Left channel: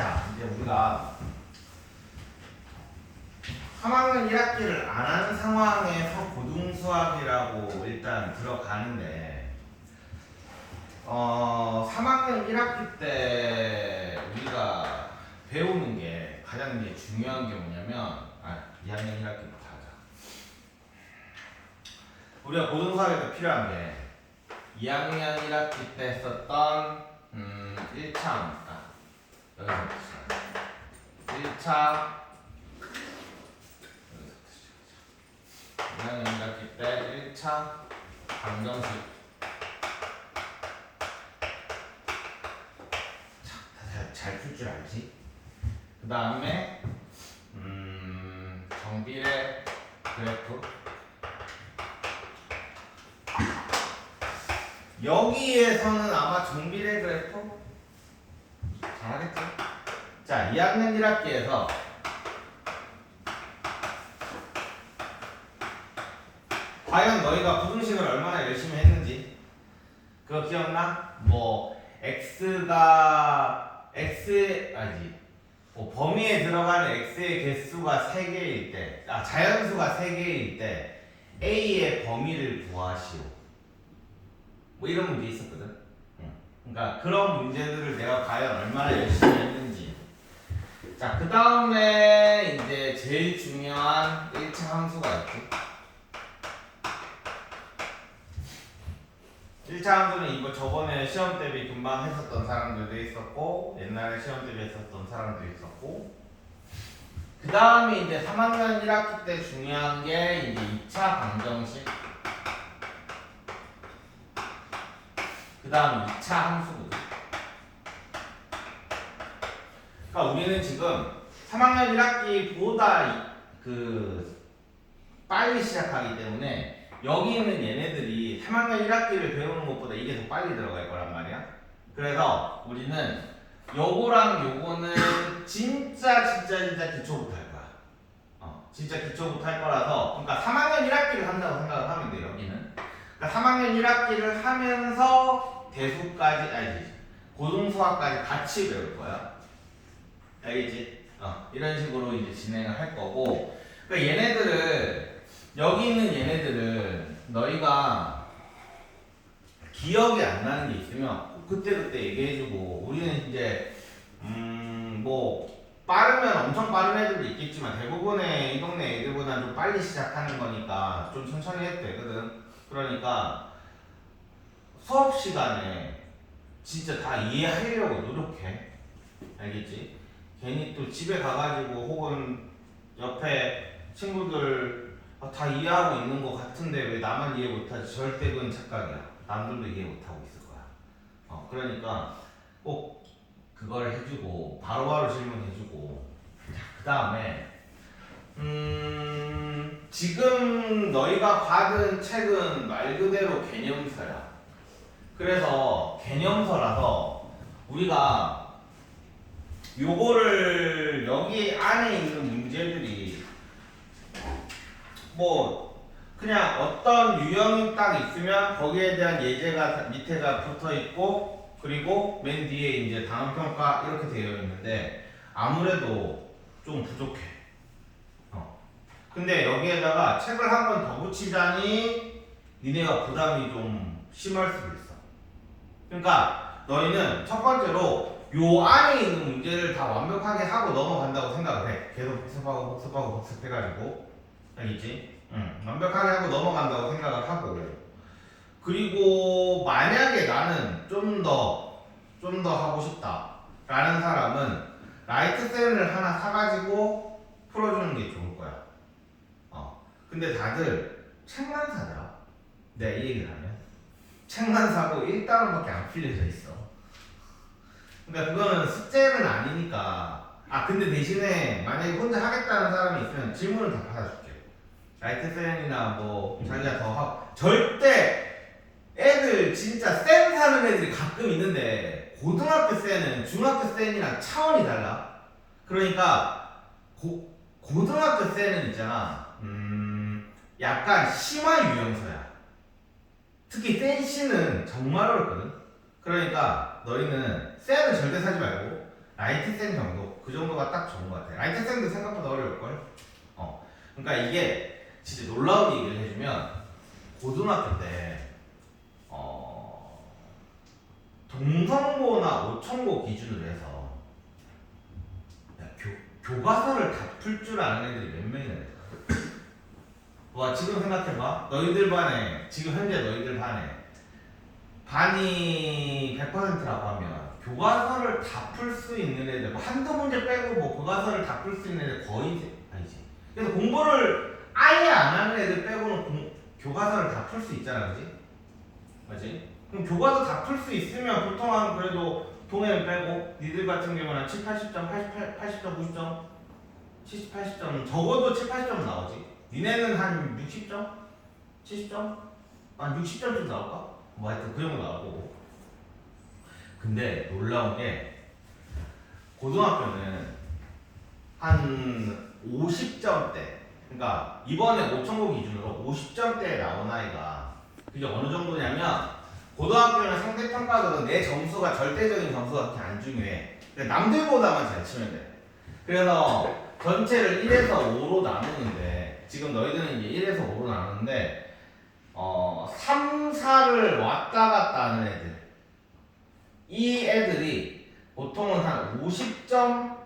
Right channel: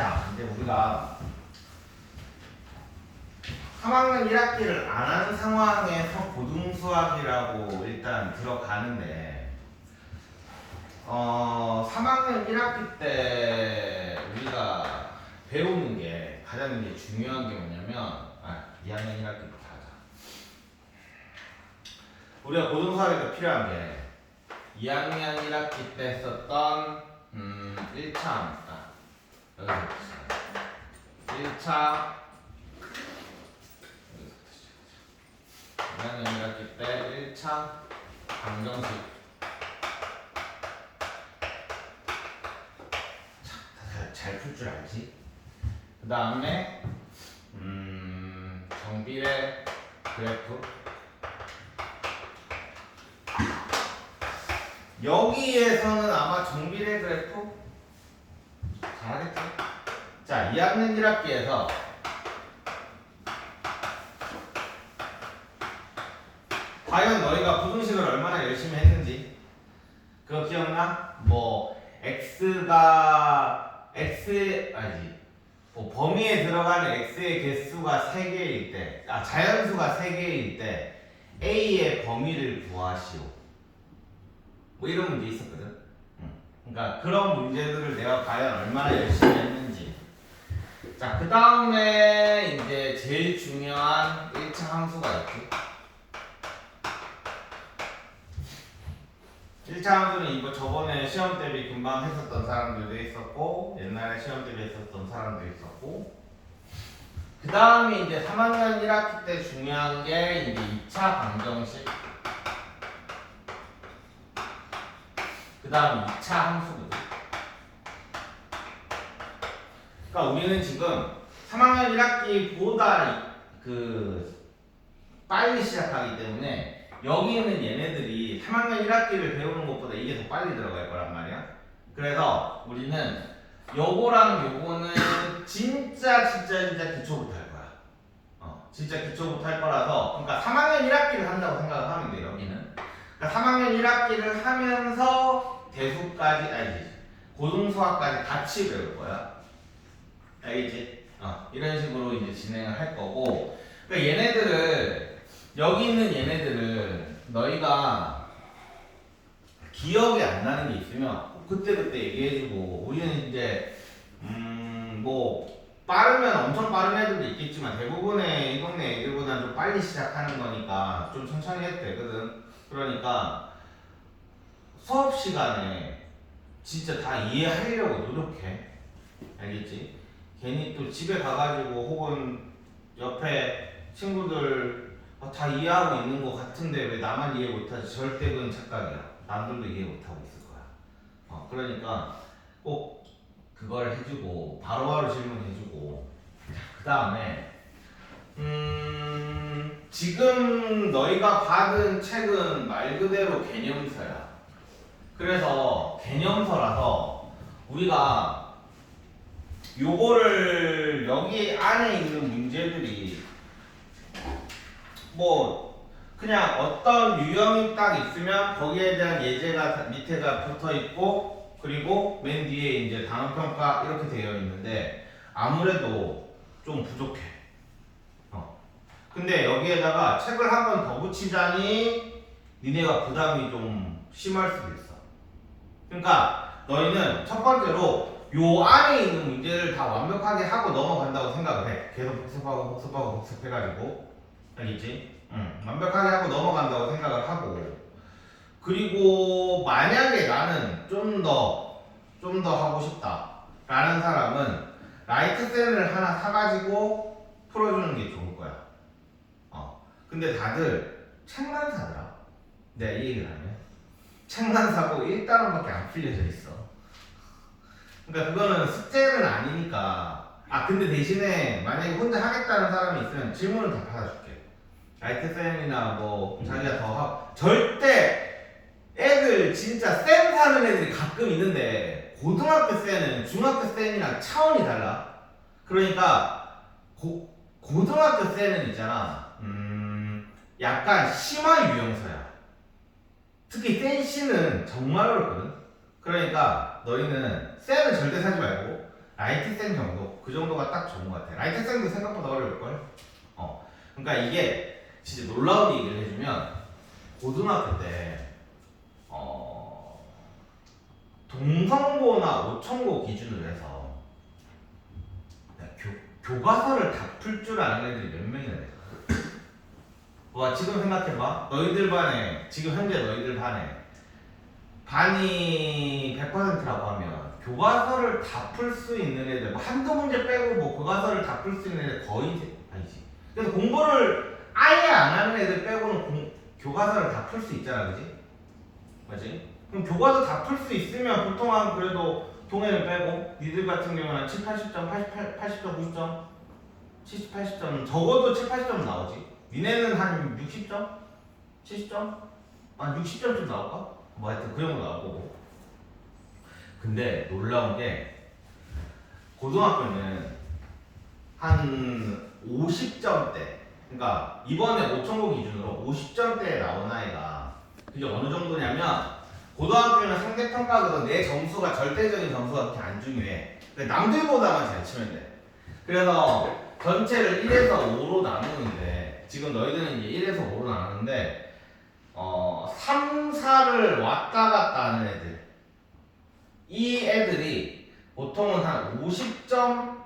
자, 이제 우리가 3학년 1학기를 안 하는 상황에서 고등수학이라고 일단 들어가는데 3학년 1학기 때 우리가 배우는 게 가장 이제 중요한 게 뭐냐면 2학년 1학기부터 하자. 우리가 고등수학에 때 필요한 게 2학년 1학기 때 썼던 1차 여기서 1차 2학년 1학기 때 1차 방정식 잘 풀 줄 알지? 그 다음에 정비례 그래프 여기에서는 아마 정비례 그래프 잘하겠죠? 자, 2학년 1학기에서 과연 너희가 부등식을 얼마나 열심히 했는지 그거 기억나? 뭐 범위에 들어가는 x의 개수가 3개일 때 자연수가 3개일 때 a의 범위를 구하시오 뭐 이런 문제 있었거든. 그러니까 그런 문제들을 내가 과연 얼마나 열심히 했는지. 자, 그 다음에 이제 제일 중요한 1차 함수가 있지. 1차 함수는 이거 저번에 시험 대비 금방 했었던 사람들도 있었고 옛날에 시험 대비 했었던 사람도 있었고 그 다음에 이제 3학년 1학기 때 중요한 게 이제 2차 방정식 그 다음 2차 함수거든. 그러니까 우리는 지금 3학년 1학기보다 빨리 시작하기 때문에 여기 있는 얘네들이 3학년 1학기를 배우는 것보다 이게 더 빨리 들어갈 거란 말이야. 그래서 우리는 요거랑 요거는 진짜 기초부터 할 거야. 진짜 기초부터 할 거라서 그러니까 3학년 1학기를 한다고 생각을 하면 돼 여기는. 그러니까 3학년 1학기를 하면서 대수까지 고등수학까지 같이 배울 거야. 알겠지? 이런 식으로 이제 진행을 할 거고 그러니까 여기 있는 얘네들을 너희가 기억이 안 나는 게 있으면 그때 얘기해주고 우리는 이제 뭐 빠르면 엄청 빠른 애들도 있겠지만 대부분의 이 동네 애들보다는 좀 빨리 시작하는 거니까 좀 천천히 해도 되거든. 그러니까 수업 시간에 진짜 다 이해하려고 노력해. 알겠지? 괜히 또 집에 가가지고 혹은 옆에 친구들 다 이해하고 있는 것 같은데 왜 나만 이해 못하지? 절대 그건 착각이야. 남들도 이해 못하고 있을 거야. 그러니까 꼭 그걸 해주고 바로바로 질문해주고 그 다음에 지금 너희가 받은 책은 말 그대로 개념서야. 그래서 개념서라서 우리가 요거를 여기 안에 있는 문제들이 뭐 그냥 어떤 유형이 딱 있으면 거기에 대한 예제가 밑에가 붙어 있고 그리고 맨 뒤에 이제 단원 평가 이렇게 되어 있는데 아무래도 좀 부족해. 근데 여기에다가 책을 한 번 더 붙이자니 니네가 부담이 좀 심할 수도 있어. 그러니까 너희는 첫 번째로 요 안에 있는 문제를 다 완벽하게 하고 넘어간다고 생각을 해. 계속 복습해가지고 알겠지? 완벽하게 하고 넘어간다고 생각을 하고 그리고 만약에 나는 좀 더 하고 싶다 라는 사람은 라이트센을 하나 사가지고 풀어주는 게 좋을 거야. 근데 다들 책만 사더라. 내가 이 얘기를 하면 책만 사고 1단원밖에 안 풀려져 있어. 그러니까 그거는 숙제는 아니니까. 근데 대신에 만약에 혼자 하겠다는 사람이 있으면 질문은 다 받아줄게. 라이트센이나 뭐 자기가 더 하고 절대 애들 진짜 센 사는 애들이 가끔 있는데 고등학교 센은 중학교 센이랑 차원이 달라. 그러니까 고등학교 센은 있잖아. 약간 심한 유형서야. 특히 센 C는 정말 어렵거든. 그러니까 너희는 센은 절대 사지 말고 라이트생 정도 그 정도가 딱 좋은 것 같아. 라이트생도 생각보다 어려울걸. 그러니까 이게 진짜 놀라운 얘기를 해주면 고등학교 때 동성고나 오천고 기준으로 해서 교과서를 다 풀 줄 아는 애들이 몇 명이나 돼. 와 지금 생각해봐. 너희들 반에 지금 현재 너희들 반이 100%라고 하면 교과서를 다 풀 수 있는 애들 한두 문제 빼고 뭐 교과서를 다 풀 수 있는 애들 거의 아니지. 그래서 공부를 아예 안 하는 애들 빼고는 교과서를 다 풀 수 있잖아, 그지? 맞지? 그럼 교과서 다 풀 수 있으면 보통 한 그래도 동해를 빼고 니들 같은 경우는 7, 80점, 80점, 90점, 70, 80점 적어도 7, 80점 나오지. 니네는 한 60점? 70점? 한 60점쯤 나올까? 뭐 하여튼 그 정도 나올 거고. 근데 놀라운 게 고등학교는 한 50점대 그러니까 이번에 5천고 기준으로 50점대에 나온 아이가 그게 어느 정도냐면 고등학교는 상대평가로는 내 점수가 절대적인 점수가 그렇게 안 중요해. 그러니까 남들보다만 잘 치면 돼. 그래서 전체를 1에서 5로 나누는데 지금 너희들은 이제 1에서 5로 나누는데 3, 4를 왔다 갔다 하는 애들 이 애들이 보통은 한 50점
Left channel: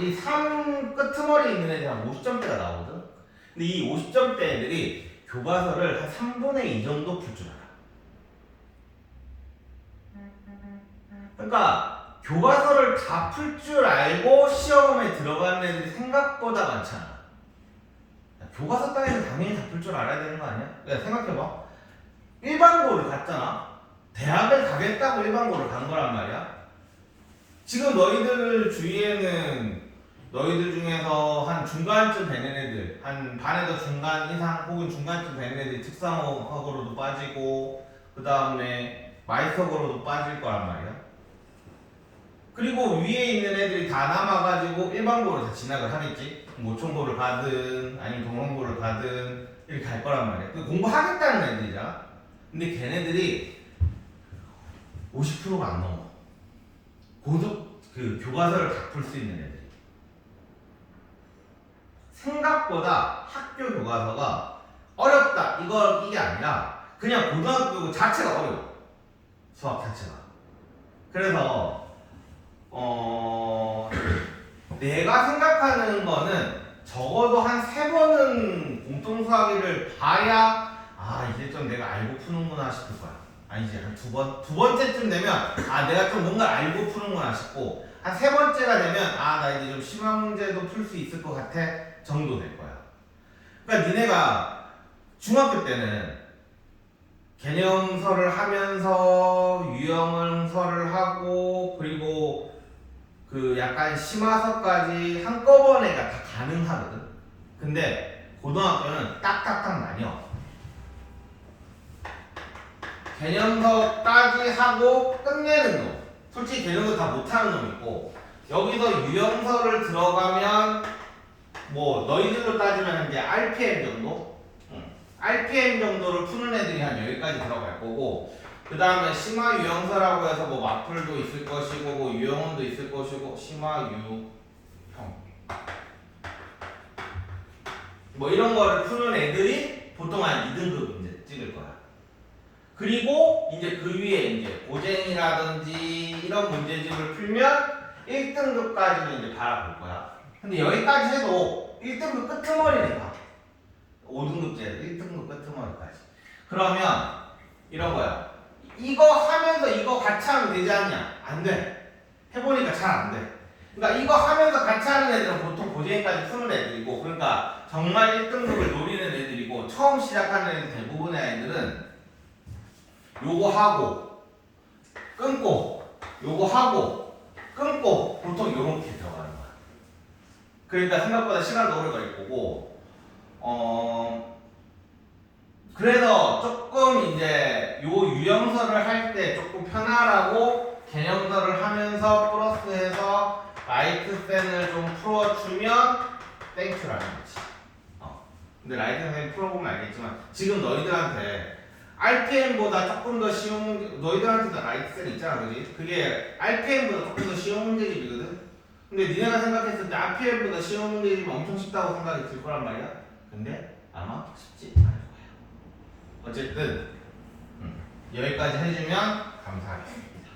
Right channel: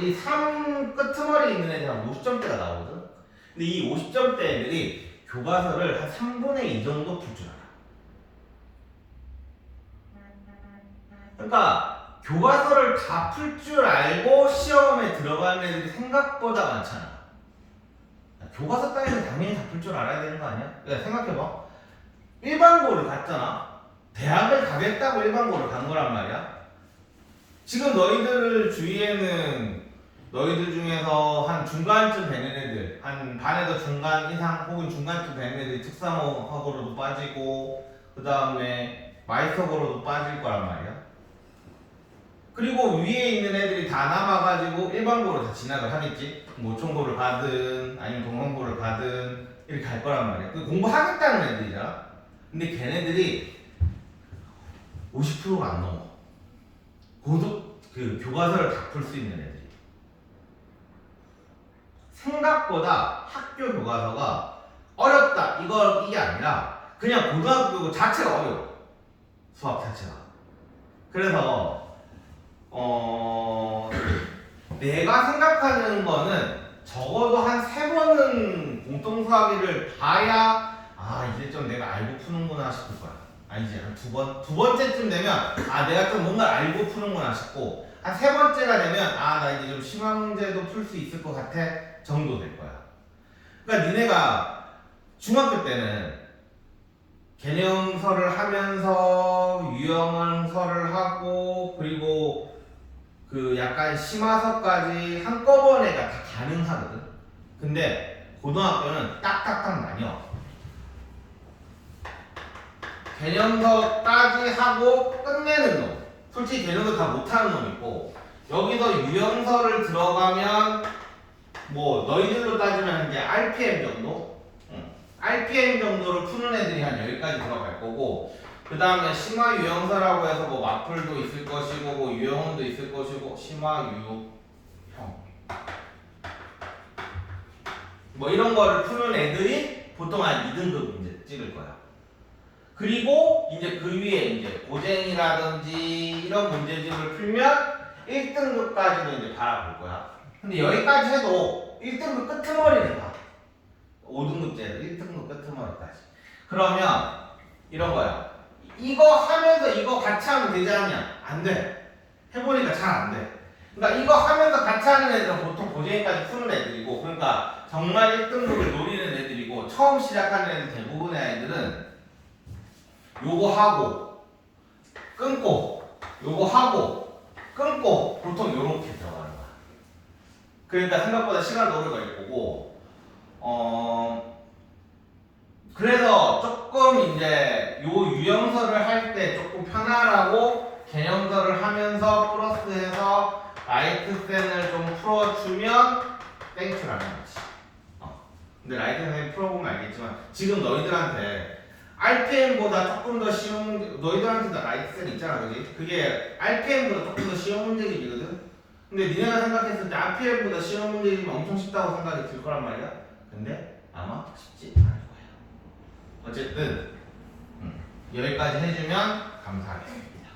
이 3 끄트머리 있는 애들이 한 50점대가 나오거든. 근데 이 50점대 애들이 교과서를 한 3분의 2 정도 풀 줄 알아. 그러니까 교과서를 다 풀 줄 알고 시험에 들어가는 애들이 생각보다 많잖아. 교과서 따위는 당연히 다 풀 줄 알아야 되는 거 아니야? 야, 생각해봐. 일반고를 갔잖아. 대학을 가겠다고 일반고를 간 거란 말이야. 지금 너희들 주위에는 너희들 중에서 한 중간쯤 되는 애들, 한 반에서 중간 이상 혹은 중간쯤 되는 애들이 특성화고로도 빠지고 그 다음에 마이서고로도 빠질 거란 말이야. 그리고 위에 있는 애들이 다 남아가지고 일반고로 다 진학을 하겠지. 모총고를 가든 아니면 동성고를 가든 이렇게 갈 거란 말이야. 공부하겠다는 애들이잖아. 근데 걔네들이 50%가 안 넘어. 그 교과서를 다 풀 수 있는 애들이. 생각보다 학교 교과서가 어렵다 이게 아니라 그냥 고등학교 자체가 어려워. 수학 자체가. 그래서 내가 생각하는 거는 적어도 한 3번은 공통수학위를 봐야 이제 좀 내가 알고 푸는구나 싶을 거야. 아니지 한 2번? 두 번째쯤 되면 내가 좀 뭔가 알고 푸는구나 싶고 한 3번째가 되면 나 이제 좀 심화 문제도 풀 수 있을 것 같아 정도 될 거야. 그러니까 니네가 중학교 때는 개념서를 하면서 유형설을 하고 그리고 그 약간 심화서까지 한꺼번에 다 가능하거든. 근데 고등학교는 딱딱딱 나뉘어. 개념서까지 하고 끝내는 놈. 솔직히 개념서 다 못하는 놈 있고 여기서 유형설을 들어가면 뭐 너희들로 따지면 이제 RPM 정도? RPM 정도를 푸는 애들이 한 여기까지 들어갈 거고 그 다음에 심화 유형설라고 해서 뭐 마플도 있을 것이고 뭐 유형원도 있을 것이고 심화 유형 뭐 이런 거를 푸는 애들이 보통 한 2등급 이제 찍을 거야. 그리고 이제 그 위에 이제 고쟁이라든지 이런 문제집을 풀면 1등급까지는 이제 바라볼 거야. 근데 여기까지 해도 1등급 끄트머리는 봐. 5등급제로 1등급 끄트머리까지. 그러면 이런 거야. 이거 하면서 이거 같이 하면 되지 않냐? 안 돼. 해보니까 잘 안 돼. 그러니까 이거 하면서 같이 하는 애들은 보통 고쟁이까지 푸는 애들이고 그러니까 정말 1등급을 노리는 애들이고 처음 시작하는 애들 대부분의 애들은 요거 하고 끊고 요거 하고 끊고 보통 요렇게 들어가는 거야. 그러니까 생각보다 시간도 오래 걸릴 거고 그래서 조금 이제 요 유형설을 할 때 조금 편하라고 개념설을 하면서 플러스해서 라이트센을 좀 풀어주면 땡큐라는 거지. 근데 라이트센 풀어보면 알겠지만 지금 너희들한테 RPM보다 조금 더 쉬운 너희들한테도 라이트셀 있잖아, 그지? 그게 RPM보다 조금 더 쉬운 문제집이거든. 근데 니네가 생각했을 때 RPM보다 쉬운 문제집이 엄청 쉽다고 생각이 들 거란 말이야. 근데 아마 쉽지 않을 거야. 어쨌든 여기까지 해주면 감사하겠습니다.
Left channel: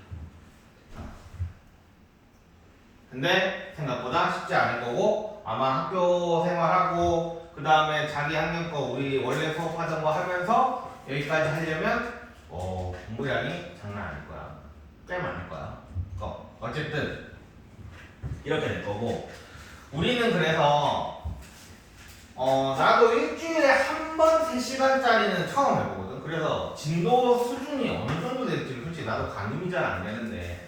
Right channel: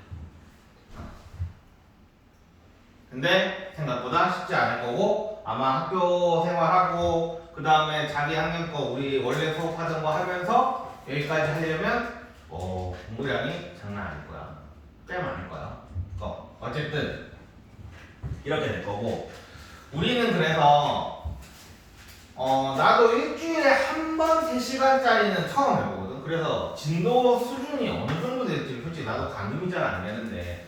근데 생각보다 쉽지 않을 거고 아마 학교 생활하고 그 다음에 자기 학년 거 우리 원래 수업하던 거 하면서 여기까지 하려면 공부량이 장난 아닐 거야. 꽤 많을 거야. 어쨌든 이렇게 될 거고 우리는 그래서 나도 일주일에 한 번 3시간짜리는 처음 해보거든. 그래서 진도 수준이 어느 정도 될지 솔직히 나도 가늠이 잘 안 되는데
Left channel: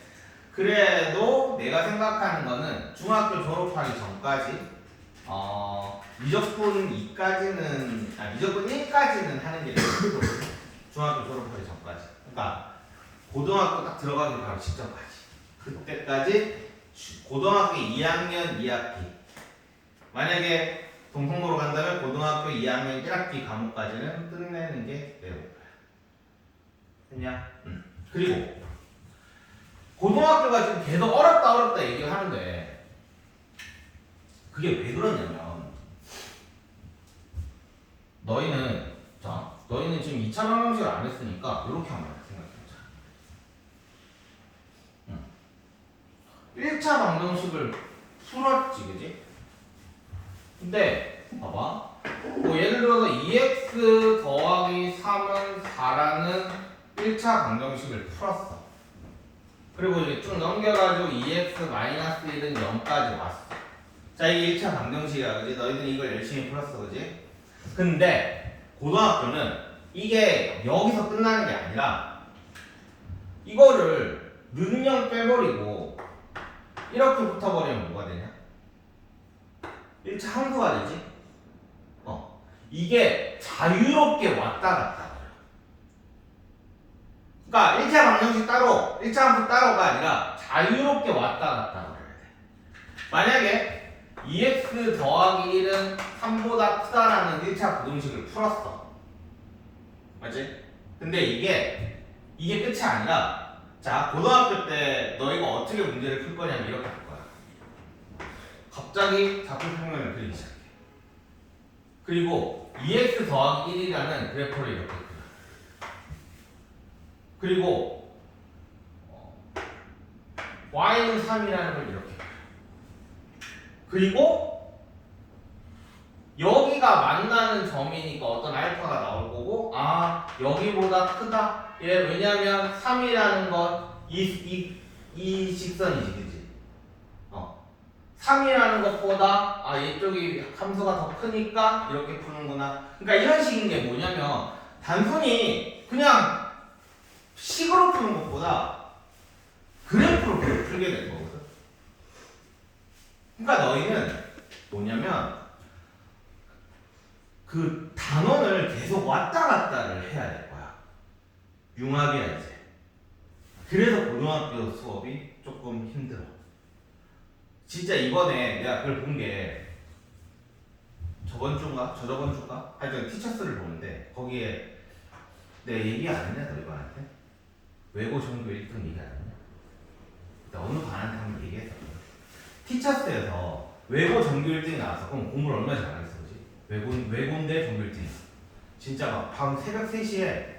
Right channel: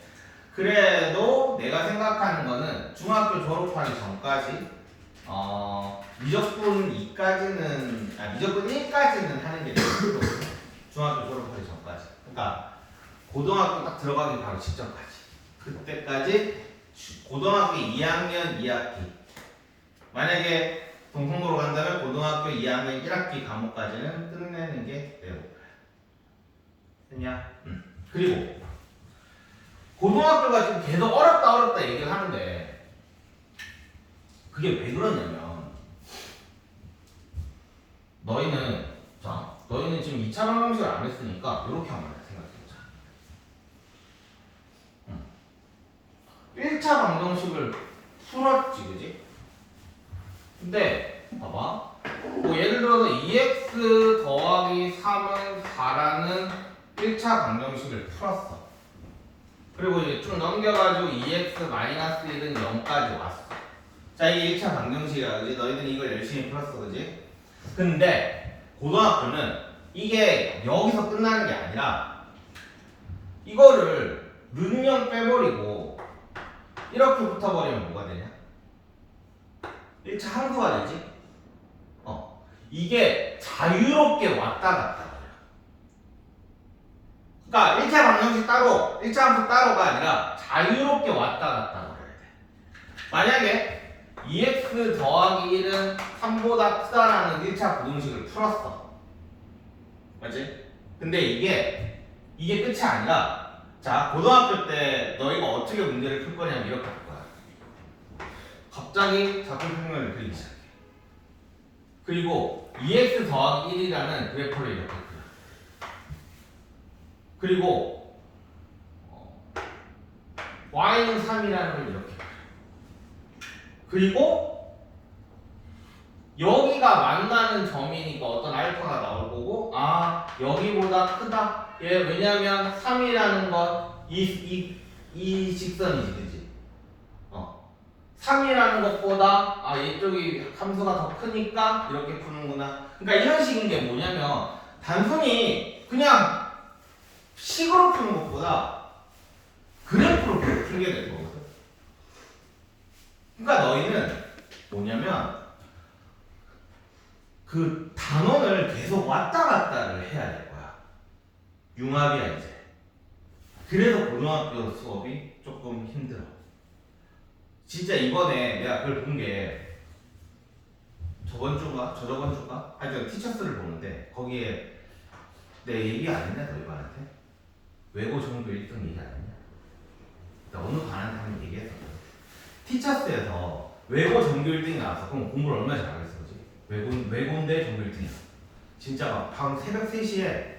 그래도 내가 생각하는 거는 중학교 졸업하기 전까지 미적분 2까지는 미적분 1까지는 하는 게 되거든. 중학교 졸업하기 전까지. 그러니까 고등학교 딱 들어가기 바로 직전까지. 그때까지 고등학교 2학년 2학기. 만약에 동성도로 간다면 고등학교 2학년 1학기 과목까지는 끝내는 게 내 목표야. 됐냐? 그리고 고등학교가 지금 계속 어렵다 얘기를 하는데 그게 왜 그러냐면 너희는 지금 2차 방정식을 안 했으니까 이렇게 한번 생각해보자. 1차 방정식을 풀었지, 그지? 근데 봐봐 예를 들어서 2x 더하기 3은 4라는 1차 방정식을 풀었어. 그리고 이제 쭉 넘겨가지고 2x 마이너스 1은 0까지 왔어. 자, 이게 1차 방정식이야, 그지? 너희들은 이걸 열심히 풀었어, 그지? 근데 고등학교는 이게 여기서 끝나는 게 아니라 이거를 는영 빼버리고 이렇게 붙어버리면 뭐가 되냐? 1차 함수가 되지? 이게 자유롭게 왔다 갔다. 그러니까 1차 방정식 따로, 1차 함수 따로가 아니라 자유롭게 왔다 갔다 그래야 돼. 만약에 2x 더하기 1은 3보다 크다라는 1차 부등식을 풀었어. 맞지? 근데 이게 끝이 아니라 자, 고등학교 때 너희가 어떻게 문제를 풀 거냐면 이렇게 할 거야. 갑자기 자꾸 평면을 그리기 시작해. 그리고 2x 더하기 1이라는 그래프를 이렇게 그려. 그리고 y는 3이라는 걸 이렇게 그려. 그리고 여기가 만나는 점이니까 어떤 알파가 나올 거고 여기보다 크다. 왜냐면 3이라는 건 이 직선이지, 그치? 3이라는 것보다 이쪽이 함수가 더 크니까 이렇게 푸는구나. 그러니까 이런 식인 게 뭐냐면 단순히 그냥 식으로 푸는 것보다 그래프로 풀게 될 거거든. 그러니까 너희는 뭐냐면 그 단원을 계속 왔다 갔다를 해야 될 거야. 융합이야 이제. 그래서 고등학교 수업이 조금 힘들어. 진짜 이번에 내가 그걸 본 게 저번 주인가? 하여튼 티처스를 보는데 거기에 내 얘기 안 했냐 너희반한테? 외고 정도 1등 얘기 안 했냐? 나 어느 반한테 한번 얘기했어. 티처스에서 외고 정규 1등이 나와서 그럼 공부를 얼마나 잘하겠어, 그지? 외고인데 정규 1등이야. 진짜 막 밤 새벽 3시에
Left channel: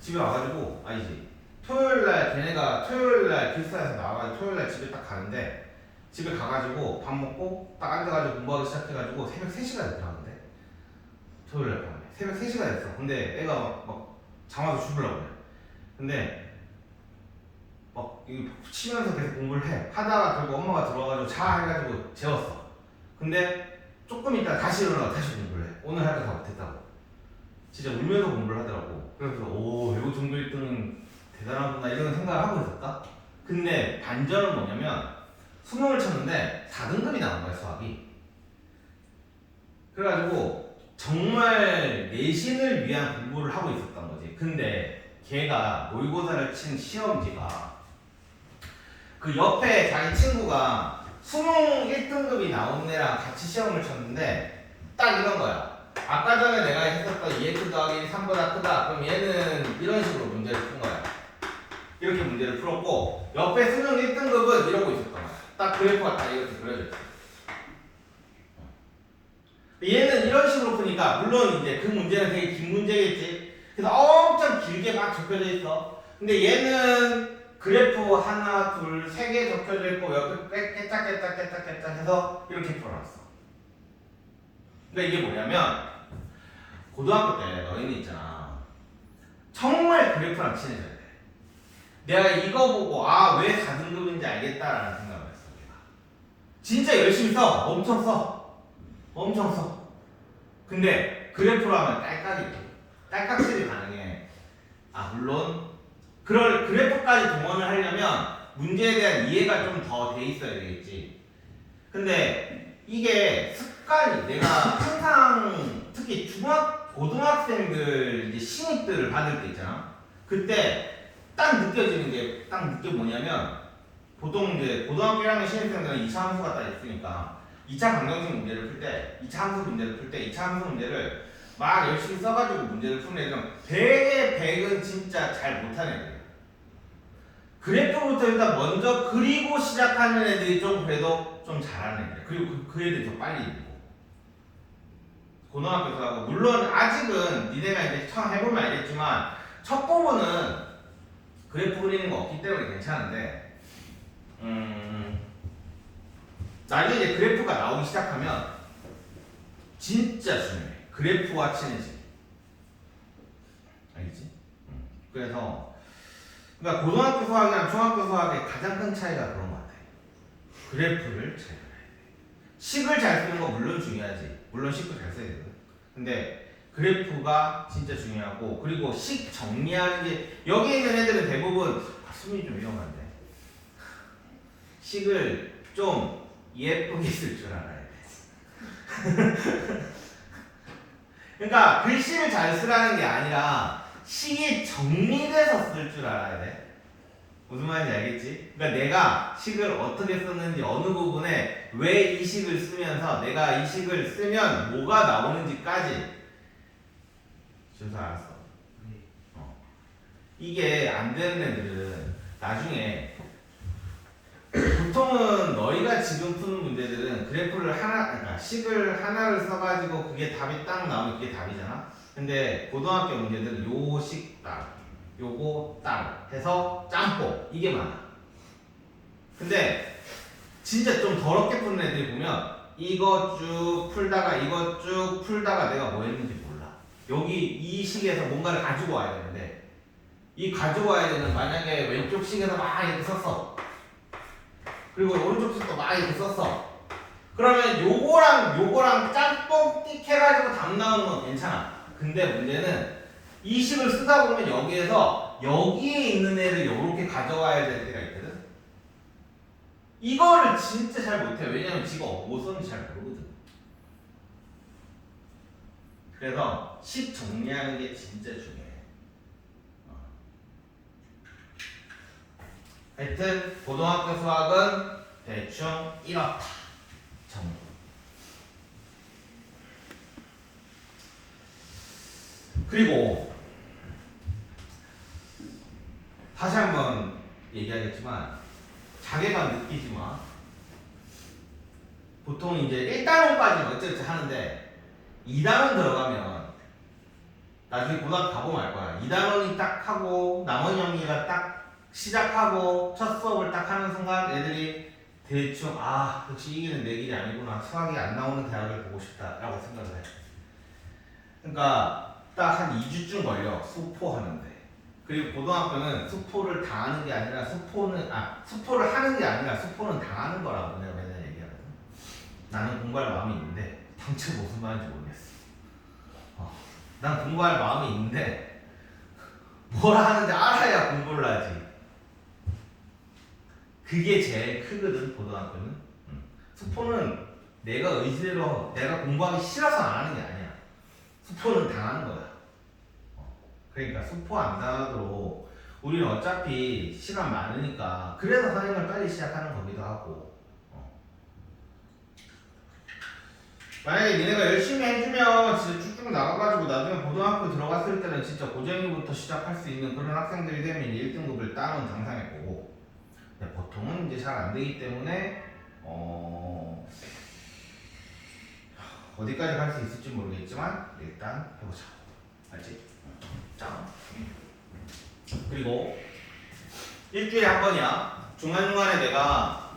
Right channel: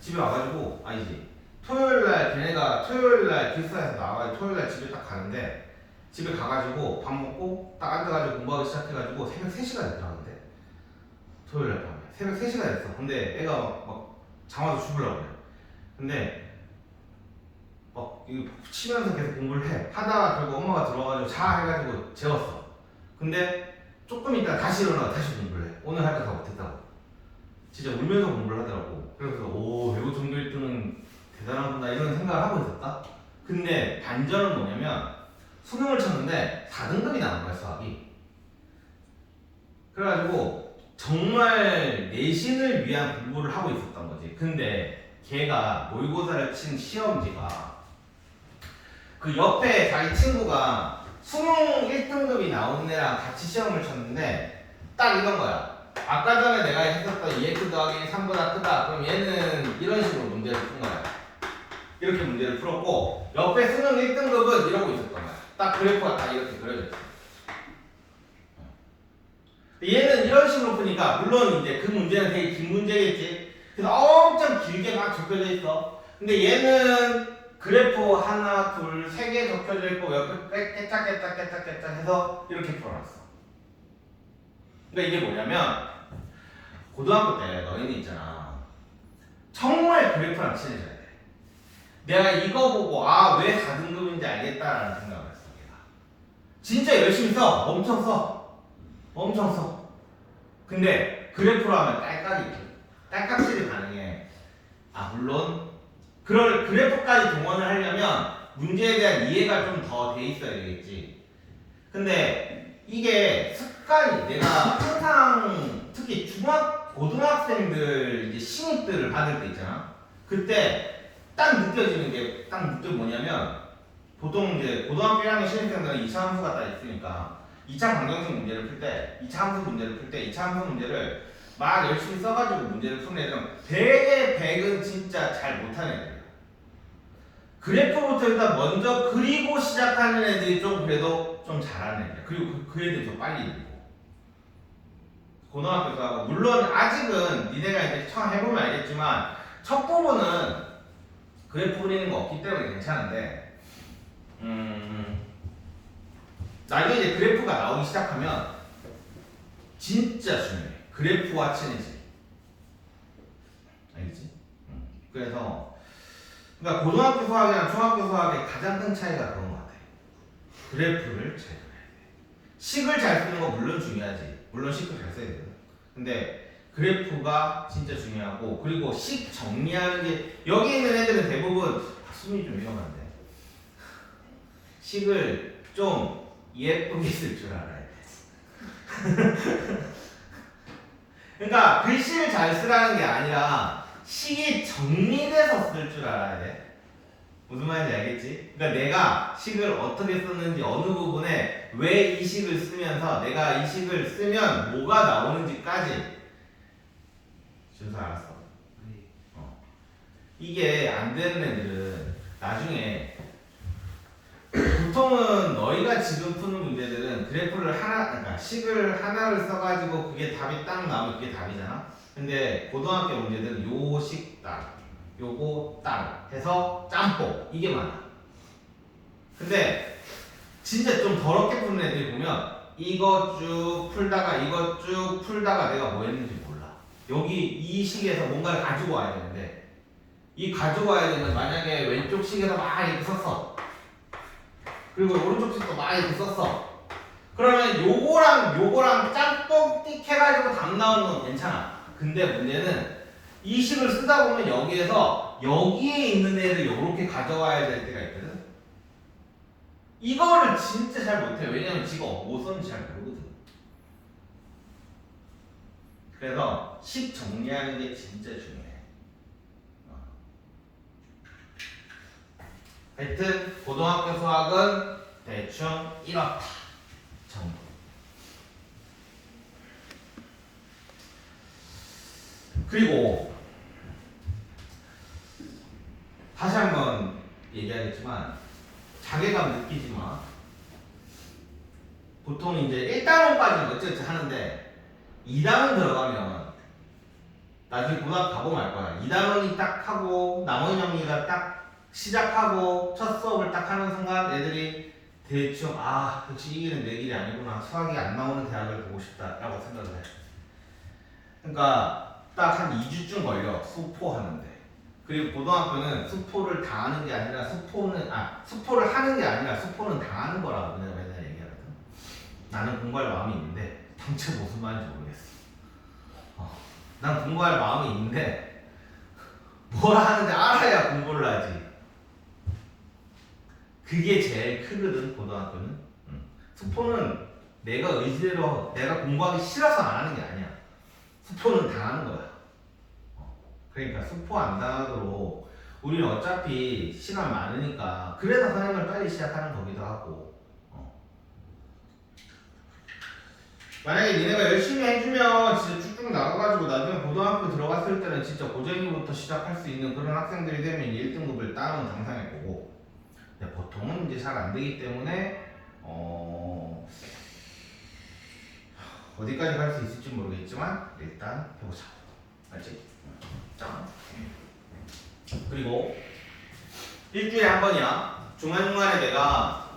집에 와가지고 토요일날 걔네가 토요일날 기숙사에서 나와가지고 토요일날 집에 딱 가는데 집에 가가지고 밥 먹고 딱 앉아가지고 공부하기 시작해가지고 새벽 3시가 됐더라는데 토요일날 밤에 새벽 3시가 됐어. 근데 애가 막 잠와서 죽으려고 그래. 근데 막 이거 치면서 계속 공부를 해. 하다가 결국 엄마가 들어와가지고 자 해가지고 재웠어. 근데 조금 있다 다시 일어나고 다시 공부를 해. 오늘 할 거 다 못했다고. 진짜 울면서 공부를 하더라고. 그래서 외고 정규 1등은 대단하구나 이런 생각을 하고 있었다. 근데 반전은 뭐냐면 수능을 쳤는데 4등급이 나온 거야, 수학이. 그래가지고 정말 내신을 위한 공부를 하고 있었던 거지. 근데 걔가 모의고사를 친 시험지가 그 옆에 자기 친구가 수능 1등급이 나온 애랑 같이 시험을 쳤는데 딱 이런 거야. 아까 전에 내가 했었던 2x 더하기 3보다 크다. 그럼 얘는 이런 식으로 문제를 푼 거야. 이렇게 문제를 풀었고 옆에 수능 1등급은 이러고 있었던 거야. 딱 그래프가 다 이렇게 그려졌지. 얘는 이런 식으로 푸니까 물론 이제 그 문제는 되게 긴 문제겠지. 그래서 엄청 길게 막 적혀져 있어. 근데 얘는 그래프 하나, 둘, 세 개 적혀져 있고 옆에 깨짝깨짝깨짝깨짝 해서 이렇게 풀어놨어. 그러니까 이게 뭐냐면 고등학교 때 너희는 있잖아. 정말 그래프랑 친해져야 돼. 내가 이거 보고 아 왜 4등급인지 알겠다라는 생각을 했어. 내가 진짜 열심히 써. 엄청 써. 엄청 써. 근데 그래프로 하면 딸깍이지. 딸깍질이 가능해. 아 물론 그럴 그래프까지 동원을 하려면 문제에 대한 이해가 좀 더 돼 있어야 되겠지. 근데 이게 습관이 내가 항상 특히 고등학생들 이제 신입들을 받을 때 있잖아. 그때 딱 느껴지는 게 딱 느껴 뭐냐면 보통 이제 고등학교 1학년 신입생들은 2차 함수가 딱 있으니까 2차 방정식 문제를 풀 때 2차 함수 문제를 풀 때 2차 함수 문제를 막 열심히 써가지고 문제를 푸는 애들은 되게 백은 진짜 잘 못하는 애들이야. 그래프부터 일단 먼저 그리고 시작하는 애들이 좀 그래도 좀 잘하는 애들. 그리고 그 애들이 더 빨리 읽고. 고등학교도 하고 물론 아직은 니네가 이제 처음 해보면 알겠지만 첫 부분은 그래프 그리는 거 없기 때문에 괜찮은데 나중에 이제 그래프가 나오기 시작하면 진짜 중요해. 그래프와 친해지. 알겠지? 그래서 그러니까 고등학교 수학이랑 중학교 수학의 가장 큰 차이가 그런 것 같아. 그래프를 잘 그려야 돼. 식을 잘 쓰는 거 물론 중요하지. 물론 식도 잘 써야 되거든. 근데 그래프가 진짜 중요하고 그리고 식 정리하는 게 여기 있는 애들은 대부분 수능이 좀 위험한데 식을 좀 예쁘게 쓸 줄 알아야 돼. 그러니까 글씨를 잘 쓰라는 게 아니라 식이 정리돼서 쓸 줄 알아야 돼. 무슨 말인지 알겠지? 그러니까 내가 식을 어떻게 썼는지 어느 부분에 왜 이 식을 쓰면서 내가 이 식을 쓰면 뭐가 나오는지까지 준서 알았어? 이게 안 되는 애들은 나중에 보통은 너희가 지금 푸는 문제들은 그래프를 하나, 그러니까 식을 하나를 써가지고 그게 답이 딱 나오면 그게 답이잖아. 근데 고등학교 문제들은 요 식 따로, 요거 따로 해서 짬뽕 이게 많아. 근데 진짜 좀 더럽게 푸는 애들이 보면 이거 쭉 풀다가 이거 쭉 풀다가 내가 뭐 했는지 몰라. 여기 이 식에서 뭔가를 가지고 와야 되는데 이 가지고 와야 되는 만약에 왼쪽 식에서 막 이렇게 썼어. 그리고 오른쪽 식도 막 이렇게 썼어. 그러면 요거랑 짬뽕 띡 해가지고 답 나오는 건 괜찮아. 근데 문제는 이 식을 쓰다 보면 여기에서 여기에 있는 애를 요렇게 가져와야 될 때가 있거든. 이거를 진짜 잘 못해. 왜냐면 지가 뭐 썼는지 잘 모르거든. 그래서 식 정리하는 게 진짜 중요해. 하여튼 고등학교 수학은 대충 이렇다 정도. 그리고 다시 한번 얘기하겠지만 자괴감 느끼지 마. 보통 이제 1단원까지는 어쨌든 하는데 2단원 들어가면 나중에 고등학교 가보면 알 거야. 2단원이 딱 하고 남원 영리가 딱 시작하고 첫 수업을 딱 하는 순간 애들이 대충 아 역시 이 길은 내 길이 아니구나. 수학이 안 나오는 대학을 보고 싶다 라고 생각을 해. 그러니까 딱 한 2주쯤 걸려 수포 하는데. 그리고 고등학교는 수포를 당하는 게 아니라 수포를 하는 게 아니라 수포는 당하는 거라고 내가 맨날 얘기하거든. 나는 공부할 마음이 있는데 당최 무슨 말인지 모르겠어. 난 공부할 마음이 있는데 뭘 하는지 알아야 공부를 하지. 그게 제일 크거든 고등학교는. 수포는 내가 의지대로 내가 공부하기 싫어서 안 하는 게 아니야. 수포는 당하는 거야. 그러니까 수포 안 당하도록 우리는 어차피 시간 많으니까 그래서 선행을 빨리 시작하는 거기도 하고. 만약에 니네가 열심히 해주면 진짜 쭉쭉 나가가지고 나중에 고등학교 들어갔을 때는 진짜 고쟁이부터 시작할 수 있는 그런 학생들이 되면 1등급을 따면 당상일 거고, 근데 보통은 이제 잘 안 되기 때문에 어디까지 갈 수 있을지 모르겠지만 일단 해보자. 알지? 자, 그리고 일주일에 한 번이야. 중간중간에 내가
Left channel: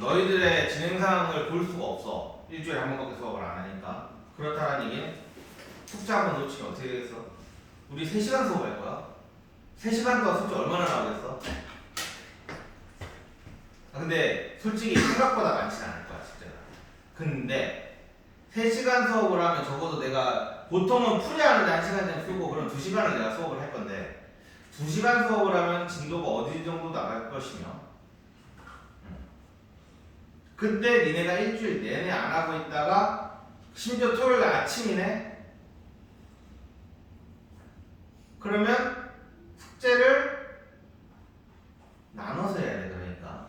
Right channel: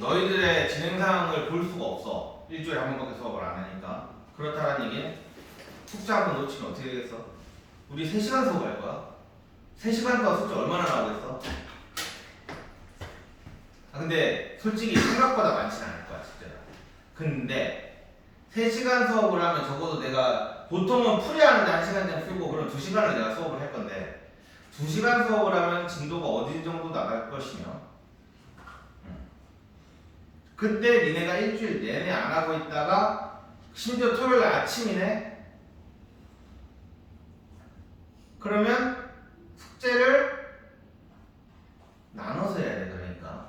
너희들의 진행사항을 볼 수가 없어. 일주일에 한 번밖에 수업을 안 하니까. 그렇다는 얘기는 숙제 한 번 놓치면 어떻게 되겠어? 우리 3시간 수업할 거야. 3시간 동안 숙제 얼마나 나오겠어? 근데 솔직히 생각보다 많지는 않을 거야, 숙제가. 근데 3시간 수업을 하면 적어도 내가 보통은 풀이하는데 1시간 전 쓰고 그럼 2시간을 내가 수업을 할 건데 2시간 수업을 하면 진도가 어디 정도 나갈 것이며 그때 니네가 일주일 내내 안 하고 있다가 심지어 토요일 아침이네? 그러면 숙제를 나눠서 해야 돼. 그러니까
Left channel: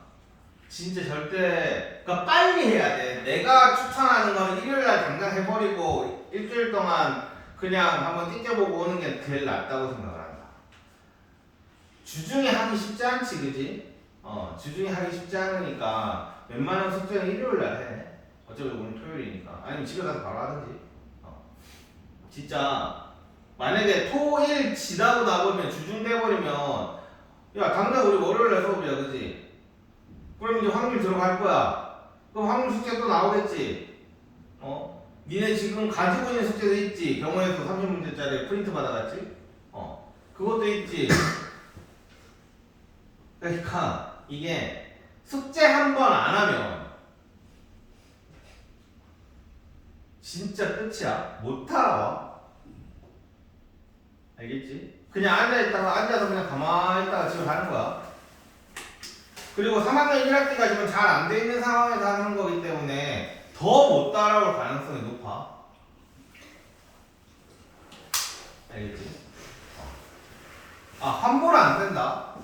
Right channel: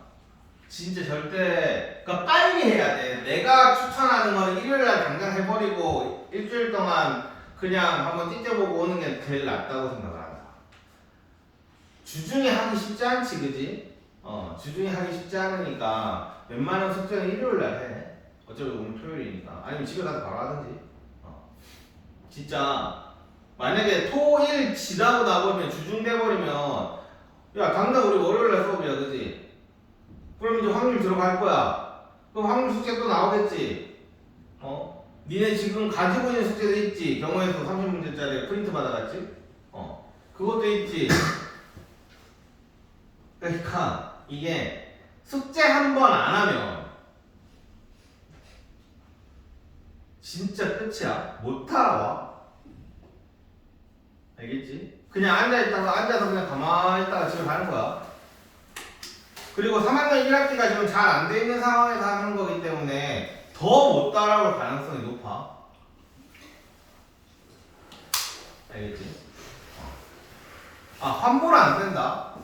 진짜 절대 그러니까 빨리 해야 돼. 내가 추천하는 건 일요일날 당장 해버리고 일주일 동안 그냥 한번 띵겨보고 오는 게 제일 낫다고 생각을 한다. 주중에 하기 쉽지 않지, 그지? 주중에 하기 쉽지 않으니까 웬만한 숙제는 일요일날 해. 어차피 오늘 토요일이니까. 아니면 집에 가서 바로 하든지. 진짜 만약에 토일 지나고 나보면 주중 돼버리면 야 당장 우리 월요일날 수업이야, 그지? 그럼 이제 확률 들어갈 거야. 그럼 확률 숙제 또 나오겠지. 니네 지금 가지고 있는 숙제도 있지. 경우에서 30문제짜리 프린트 받아갔지. 그것도 있지. 그러니까 이게 숙제 한 번 안 하면 진짜 끝이야. 못 알아와. 알겠지? 그냥 앉아서 그냥 가만히 있다가 집에 가는 거야. 그리고 3학년 1학기까지는 잘 안 돼 있는 상황에서 하는 거기 때문에 더 못 따라올 가능성이 높아. 알겠지? 환불 안 된다.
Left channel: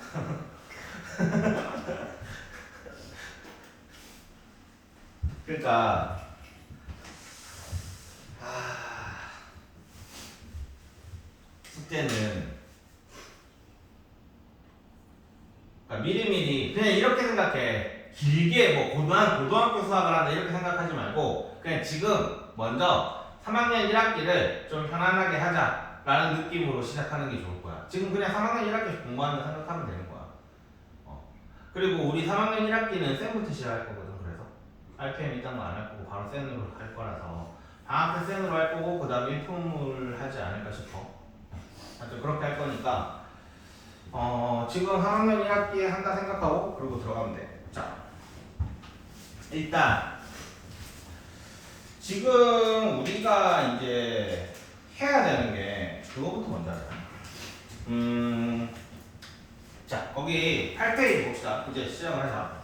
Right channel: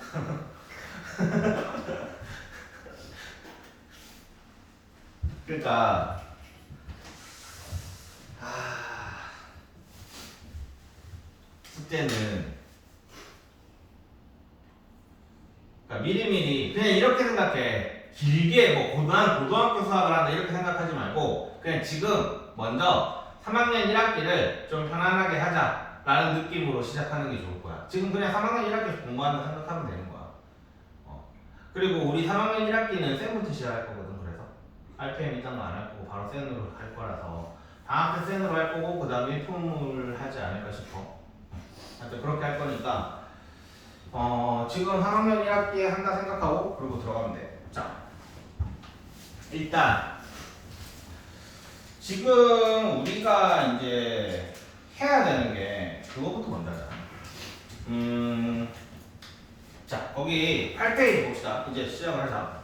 그러니까 숙제는 그러니까 미리미리 그냥 이렇게 생각해. 길게 뭐 고등학교 수학을 한다 이렇게 생각하지 말고 그냥 지금 먼저 3학년 1학기를 좀 편안하게 하자라는 느낌으로 시작하는 게 좋을 거야. 지금 그냥 3학년 1학기 공부한다 생각하면 되는 거야. 그리고 우리 3학년 1학기는 쌤부터 시작할 거거든. 그래서 RPM 일단 안 할 거고 바로 쌤으로 할 거라서 방학 때 쌤으로 할 거고 그 다음에 인품을 하지 않을까 싶어. 하여튼 그렇게 할 거니까 지금 3학년 1학기에 한다 생각하고 그러고 들어가면 돼. 자, 일단 지금 우리가 이제 해야 되는 게 그거부터 먼저 하자. 자, 거기 8페이지 봅시다. 이제 시작을 하자.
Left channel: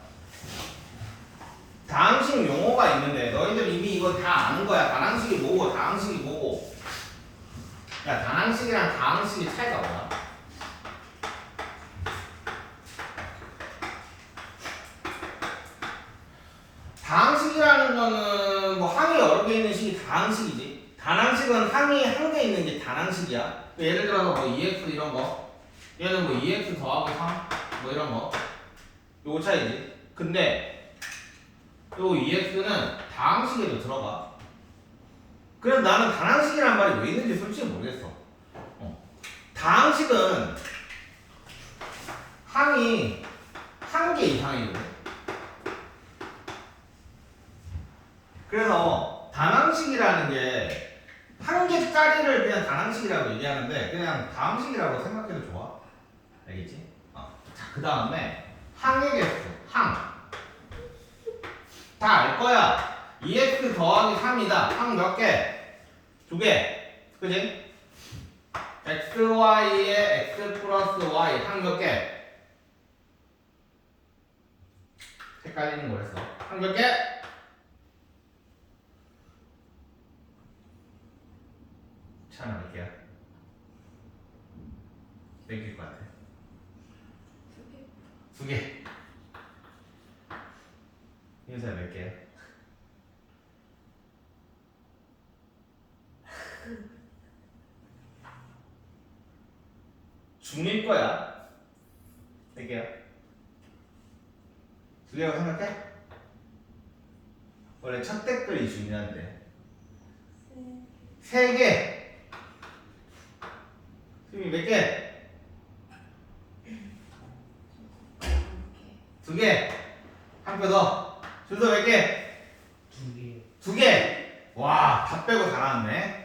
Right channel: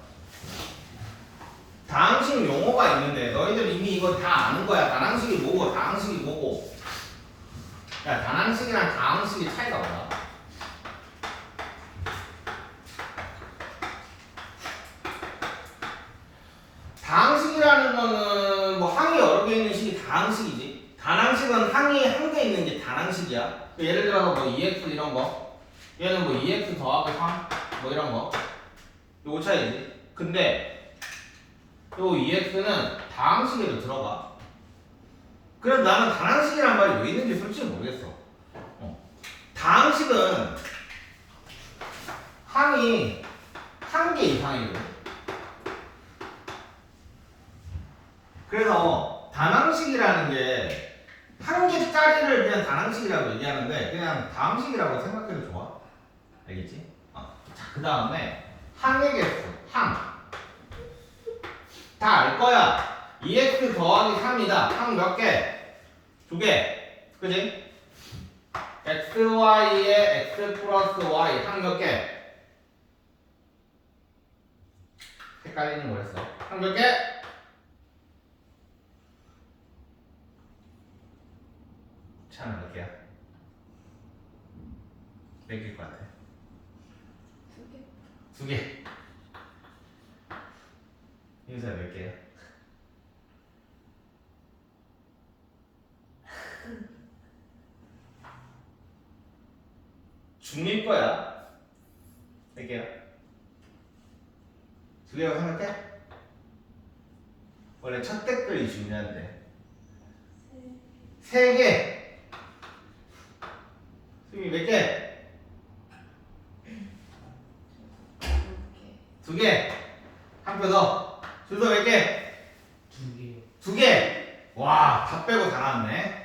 다항식 용어가 있는데 너희들 이미 이거 다 아는 거야. 다항식이 뭐고 다항식이 뭐고. 야, 다항식이랑 다항식의 차이가 뭐야? 다항식이라는 거는 뭐 항이 여러 개 있는 식이 다항식이지. 단항식은 항이 한 개 있는 게 단항식이야. 예를 들어서 뭐 2x 이런 거. 얘는 뭐 2x 더하기 3 뭐 이런 거. 요거 차이지. 근데 요 2x는 다항식에도 들어가. 그래서 나는 단항식이라는 말이 왜 있는지 솔직히 모르겠어. 다항식은 항이 한 개 이상이거든. 그래서 단항식이라는 게 한 개짜리를 그냥 단항식이라고 얘기하는데 그냥 다항식이라고 생각해도 좋아. 알겠지? 자, 그 다음에 항의 개수, 항. 다 알 거야. 2x 더하기 3이다. 항 몇 개? 2개. 그지? xy에 x 플러스 y 항 몇 개? 헷갈리는 거였어. 항 몇 개? 차는 몇 개야? 몇 개일 것 같아? 2개. 2개. 인사 몇 개? 중일 거야. 몇 개야? 두 개라고 생각해? 원래 첫 댓글이 중요한데. 세 개. 수빈이 몇 개? 두 개. 한 표 더. 준서 몇 개? 두 개. 두 개. 와, 다 빼고 다 나왔네.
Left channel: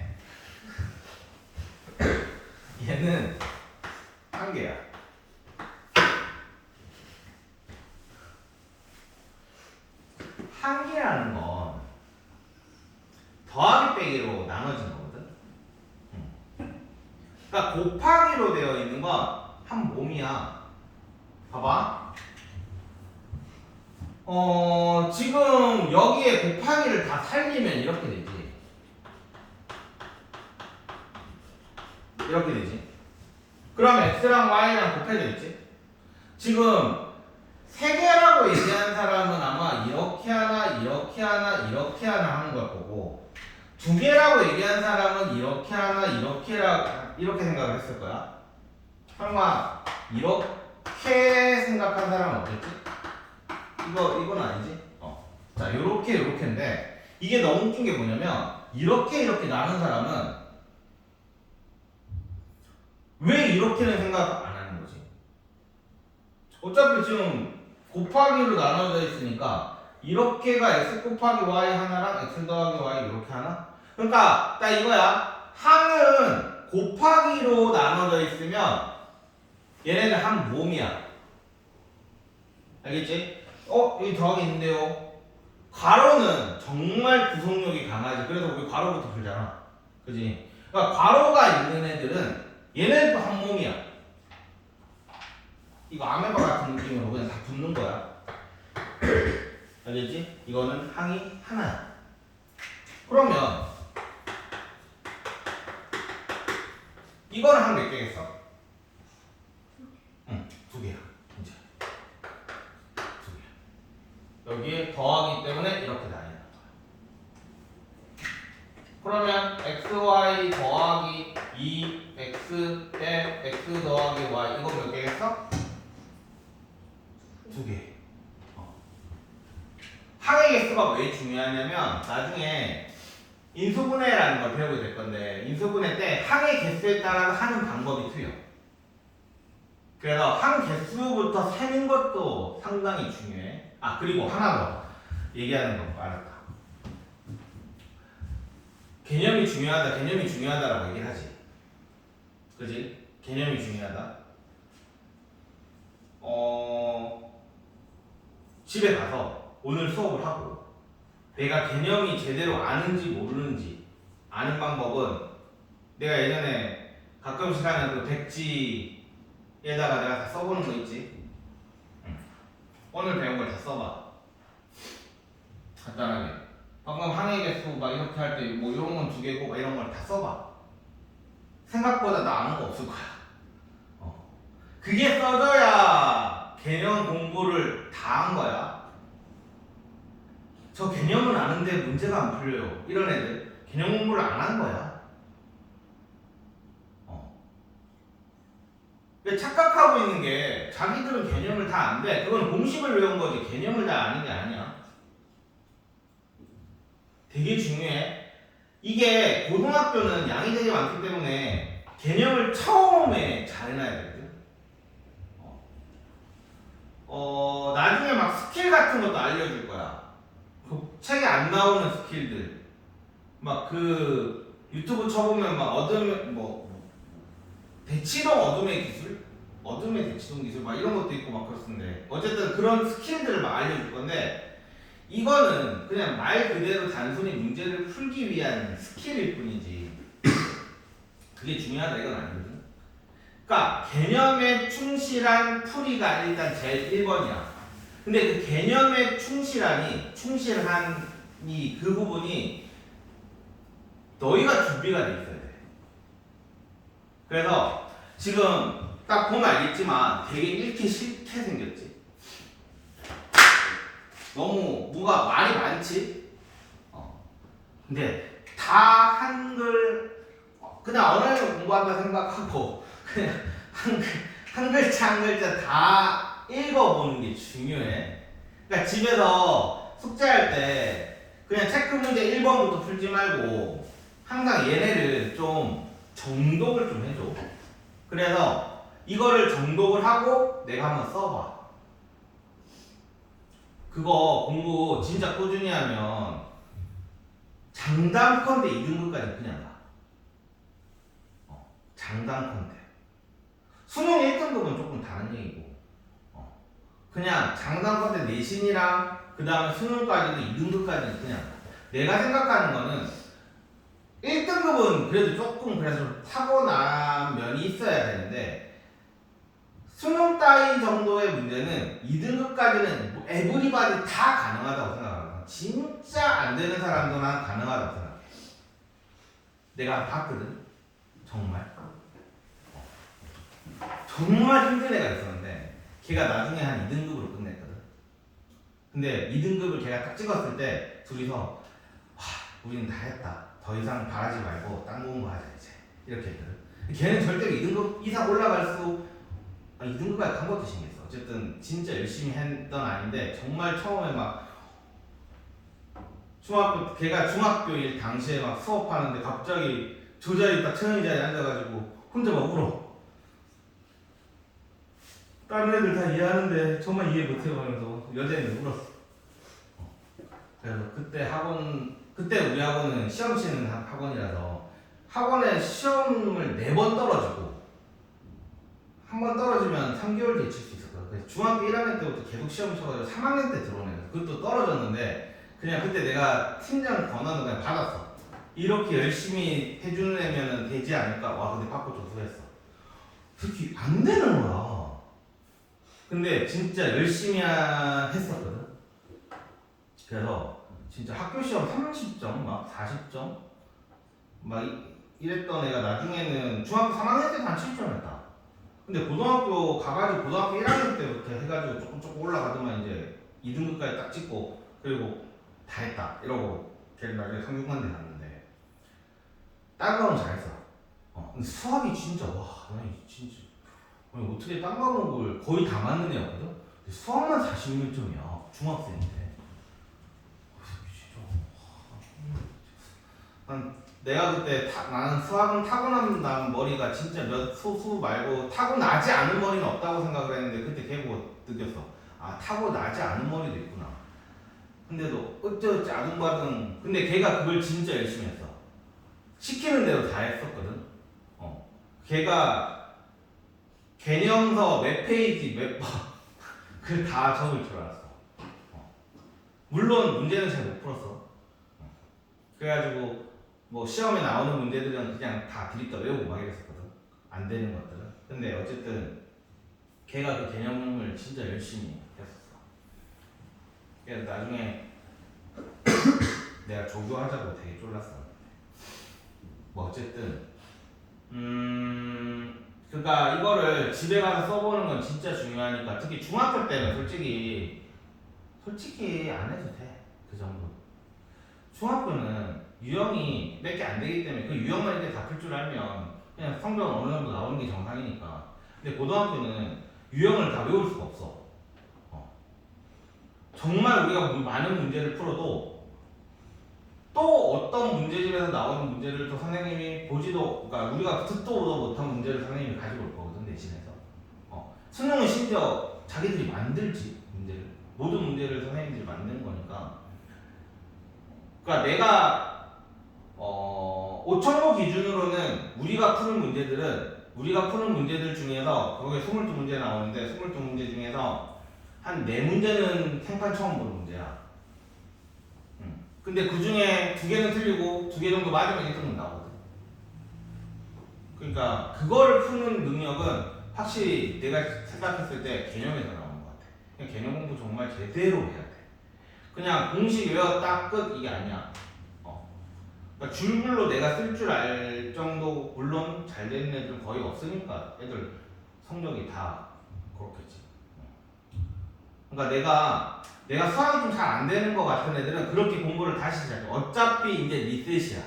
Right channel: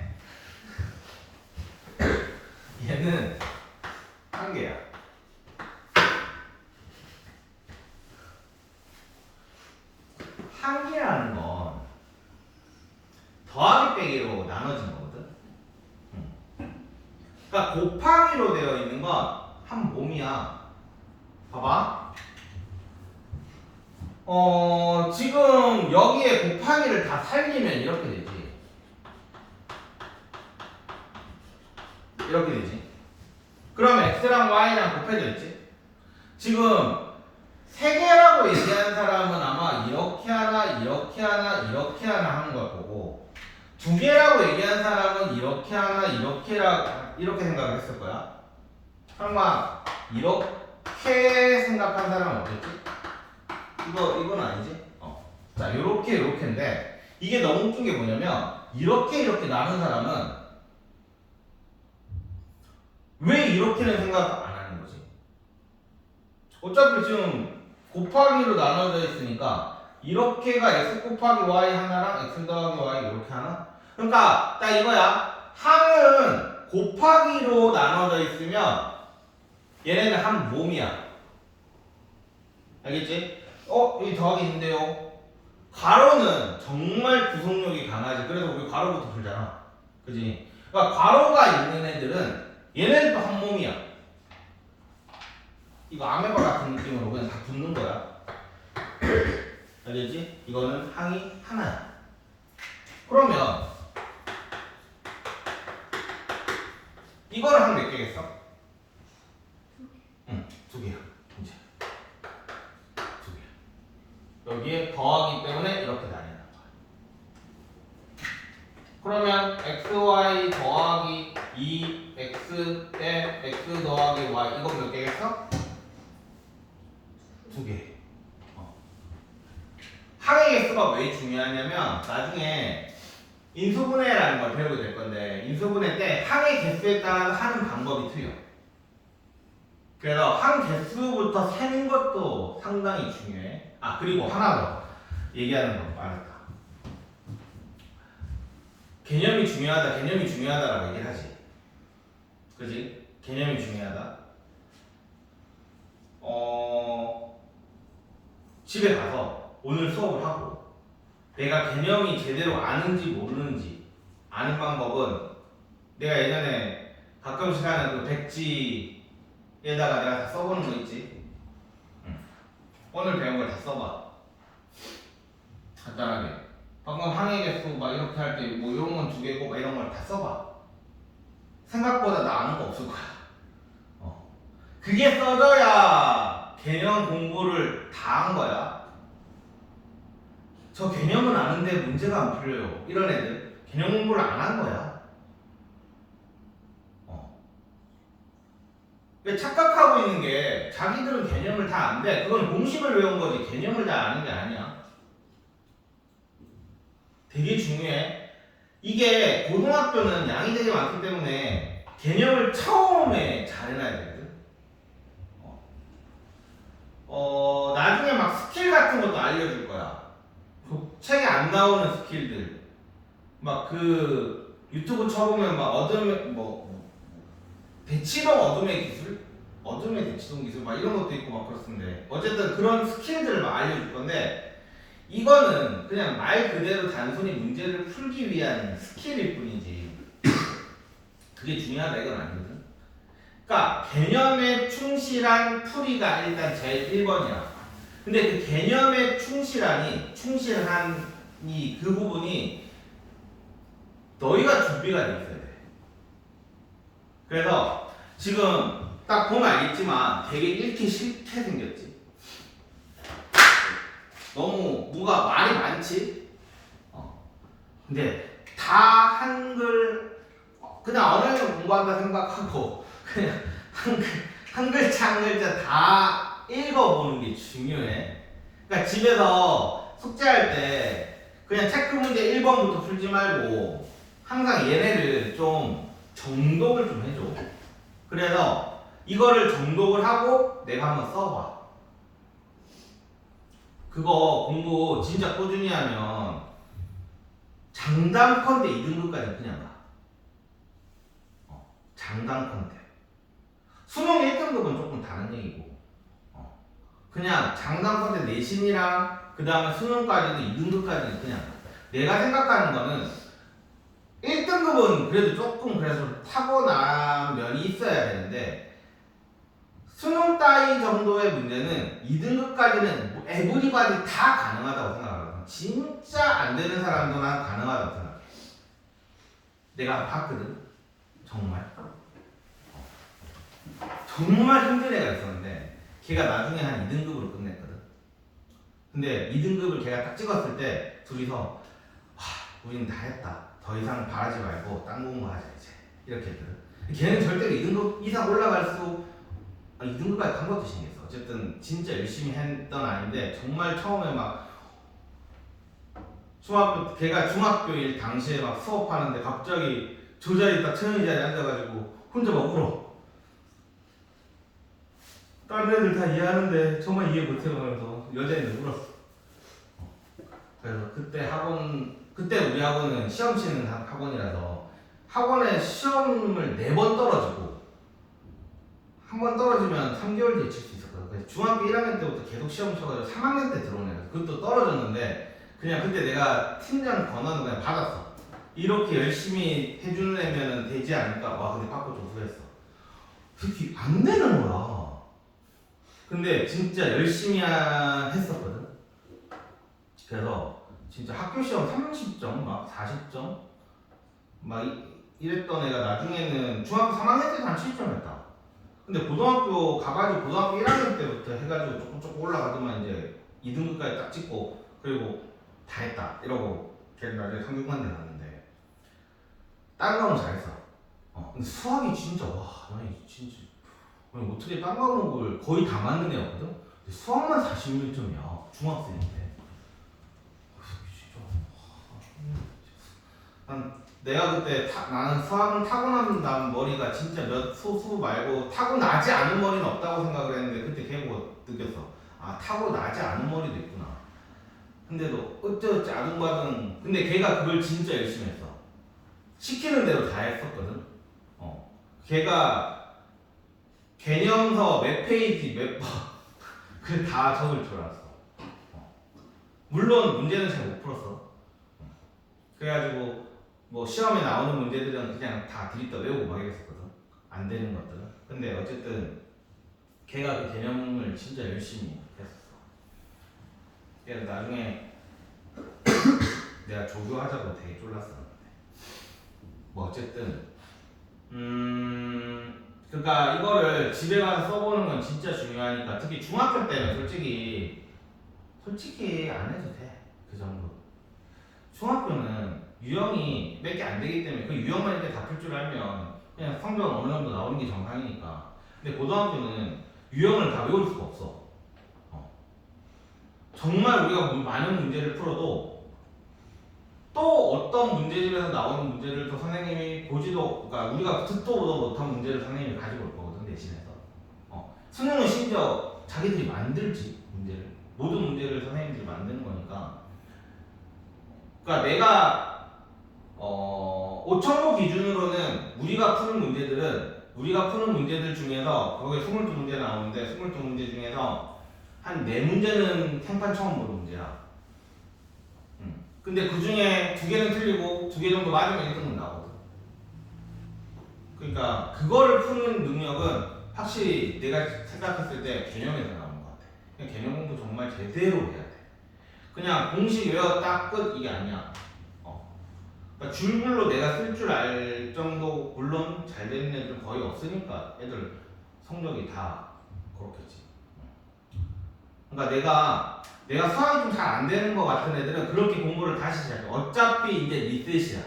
얘는 한 개야. 한 개라는 건 더하기 빼기로 나눠진 거거든. 그러니까 곱하기로 되어 있는 건 한 몸이야. 봐봐. 지금 여기에 곱하기를 다 살리면 이렇게 되지. 이렇게 되지. 그럼 x랑 y랑 곱해져 있지. 지금 세 개라고 얘기하는 사람은 아마 이렇게 하나, 이렇게 하나, 이렇게 하나 하는 걸 거고, 두 개라고 얘기하는 사람은 이렇게 하나, 이렇게 생각을 했을 거야. 설마 이렇게 생각한 사람은 없겠지? 이건 아니지? 자, 요렇게인데, 이게 너무 웃긴 게 뭐냐면, 이렇게 나눈 사람은 왜 이렇게는 생각 안 하는 거지? 어차피 지금 곱하기로 나눠져 있으니까 이렇게가 x 곱하기 y 하나랑 x 더하기 y 이렇게 하나? 그러니까 딱 이거야. 항은 곱하기로 나눠져 있으면 얘네는 한 몸이야. 알겠지? 여기 더하기 있는데요. 가로는 정말 구속력이 강하지. 그래서 우리 가로부터 풀잖아. 그지? 그러니까 가로가 있는 애들은 얘네는 또 한 몸이야. 이거 아메바 같은 느낌으로 그냥 다 붙는 거야. 알겠지? 이거는 항이 하나야. 그러면 이거는 한 몇 개겠어? 응, 두 개야. 이제 두 개. 여기에 더하기 때문에 이렇게 나뉘는 거야. 그러면 xy 더하기 2x 대 x 더하기 y 이거 몇 개겠어? 두 개. 항의 개수가 왜 중요하냐면 나중에 인수분해라는 걸 배우게 될 건데 인수분해 때 항의 개수에 따라 하는 방법이 틀려. 그래서 항 개수부터 세는 것도 상당히 중요해. 그리고 하나 더 얘기하는 건 빠르다. 개념이 중요하다라고 얘기하지. 그지? 개념이 중요하다. 집에 가서 오늘 수업을 하고 내가 개념이 제대로 아는지 모르는지 아는 방법은 내가 예전에 가끔씩 하는 그 백지에다가 내가 다 써보는 거 있지. 오늘 배운 걸 다 써봐. 간단하게. 방금 항의 개수 막 이렇게 할 때 뭐 이런 건 두 개고 막 이런 걸 다 써봐. 생각보다 나 아는 거 없을 거야. 그게 써져야 개념 공부를 다 한 거야. 저 개념은 아는데 문제가 안 풀려요. 이런 애들 개념 공부를 안 한 거야. 착각하고 있는 게 자기들은 개념을 다 안돼. 그건 공식을 외운 거지 개념을 다 아는 게 아니야. 되게 중요해. 이게 고등학교는 양이 되게 많기 때문에 개념을 처음에 잘 해놔야 되거든. 나중에 막 스킬 같은 것도 알려줄 거야. 그 책에 안 나오는 스킬들. 막 그 유튜브 쳐보면 막 대치동 어둠의 기술? 어둠의 대치동 기술 막 이런 것도 있고 막 그렇던데 어쨌든 그런 스킬들을 막 알려줄 건데 이거는 그냥 말 그대로 단순히 문제를 풀기 위한 스킬일 뿐이지 그게 중요하다 이건 아니거든. 그러니까 개념에 충실한 풀이가 일단 제일 1번이야. 근데 그 개념에 충실한이 그 부분이 너희가 준비가 돼 있어야 돼. 그래서 지금 딱 보면 알겠지만 되게 읽기 싫게 생겼지. 너무 뭐가 말이 많지. 근데 다 한글 그냥 언어를 공부한다 생각하고 그냥 한 글자 한 글자 다 읽어보는 게 중요해. 그러니까 집에서 숙제할 때 그냥 체크 문제 1번부터 풀지 말고 항상 얘네를 좀 정독을 좀 해줘. 그래서 이거를 정독을 하고 내가 한번 써봐. 그거 공부 진짜 꾸준히 하면 장담컨대 2등급까지 그냥 가. 장담컨대. 수능 1등급은 조금 다른 얘기고 그냥 장담컨대 내신이랑 그 다음에 수능까지도 2등급까지 그냥 가. 내가 생각하는 거는 1등급은 그래도 조금 그래서 타고난 면이 있어야 되는데 수능 따위 정도의 문제는 2등급까지는 뭐 에브리바디 다 가능하다고 생각하거든. 진짜 안 되는 사람도 난 가능하다고 생각해. 내가 봤거든. 정말 힘든 애가 있었는데 걔가 나중에 한 2등급으로 끝냈거든. 근데 2등급을 걔가 딱 찍었을 때 둘이서 와, 우린 다 했다. 더 이상 바라지 말고 딴 공부하자 이제 이렇게 했거든. 걔는 절대로 2등급 이상 올라갈 수 2등급까지 간 것도 신기했어. 어쨌든 진짜 열심히 했던 아이인데 정말 처음에 막 걔가 중학교 일 당시에 막 수업하는데 갑자기 저 자리 딱 채영이 자리에 앉아가지고 혼자 막 울어. 다른 애들 다 이해하는데 저만 이해 못해가면서 여자애는 울었어. 그래서 그때 우리 학원은 시험 치는 학원이라서 학원에 시험을 4번 떨어지고 한 번 떨어지면 3개월 뒤에 칠 수 있었거든. 그래서 중학교 1학년 때부터 계속 시험 쳐가지고 3학년 때 들어온 애가 그것도 떨어졌는데 그냥 그때 내가 팀장 권한을 그냥 받았어. 이렇게 열심히 해주는 애면 되지 않을까? 와 근데 받고 좀 후회했어. 그렇게 안 되는 거야. 근데 진짜 열심히 했었거든. 그래서 진짜 학교 시험 30점 막 40점 막 이랬던 애가 나중에는 중학교 3학년 때도 한 7점 했다. 근데 고등학교 가가지고 고등학교 1학년 때부터 해가지고 조금 올라가더만 이제 2등급까지 딱 찍고 그리고 다 했다 이러고 걔는 나중에 상중간대 났는데 다른 과목은 잘했어. 근데 수학이 진짜 와 아니 진짜 아니 어떻게 딴 과목을 거의 다 맞는 애였거든? 근데 수학만 41점이야 중학생인데 내가 그때 나는 수학은 타고난 머리가 진짜 수 말고 타고나지 않은 머리는 없다고 생각을 했는데 그때 걔보고 느꼈어. 아 타고나지 않은 머리도 있구나. 근데도 어쩌지 아둥바둥 근데 걔가 그걸 진짜 열심히 했어. 시키는 대로 다 했었거든. 걔가 개념서 몇 페이지 몇 번 그 다 적을 줄 알았어. 물론 문제는 잘 못 풀었어. 그래가지고 뭐 시험에 나오는 문제들은 그냥 다 들이다 외우고 막 이랬었거든. 안 되는 것들은. 근데 어쨌든 걔가 그 개념을 진짜 열심히 했었어. 그래서 나중에 내가 조교하자고 되게 쫄랐었는데 뭐 어쨌든 그러니까 이거를 집에 가서 써보는 건 진짜 중요하니까 특히 중학교 때는 솔직히 안 해도 돼. 그 정도. 중학교는 유형이 몇 개 안 되기 때문에 그 유형만 이렇게 다 풀 줄 알면 그냥 성적은 어느 정도 나오는 게 정상이니까. 근데 고등학교는 유형을 다 외울 수가 없어. 정말 우리가 많은 문제를 풀어도 또 어떤 문제집에서 나오는 문제를 또 선생님이 보지도, 그러니까 우리가 듣도 보도 못한 문제를 선생님이 가지고 올 거거든 대신해서. 수능은 심지어 자기들이 만들지 문제를. 모든 문제를 선생님들이 만드는 거니까. 그러니까 내가 5천도 기준으로는 우리가 푸는 문제들 중에서 거기에 22문제 나오는데 22문제 중에서 한 4문제는 생판 처음 보는 문제야. 근데 그 중에 2개는 틀리고 2개 정도 맞으면 1등급 나오거든. 그러니까 그거를 푸는 능력은 확실히 내가 생각했을 때 개념에서 나오는 것 같아. 그냥 개념 공부 정말 제대로 해야 돼. 그냥 공식 외웠다 끝 이게 아니야. 그러니까 줄글로 내가 쓸 줄 알 정도, 물론 잘 되는 애들은 거의 없으니까 애들 성적이 다 그렇겠지. 그러니까 내가 수학이 좀 잘 안 되는 것 같은 애들은 그렇게 공부를 다시 시작해. 어차피 이제 리셋이야.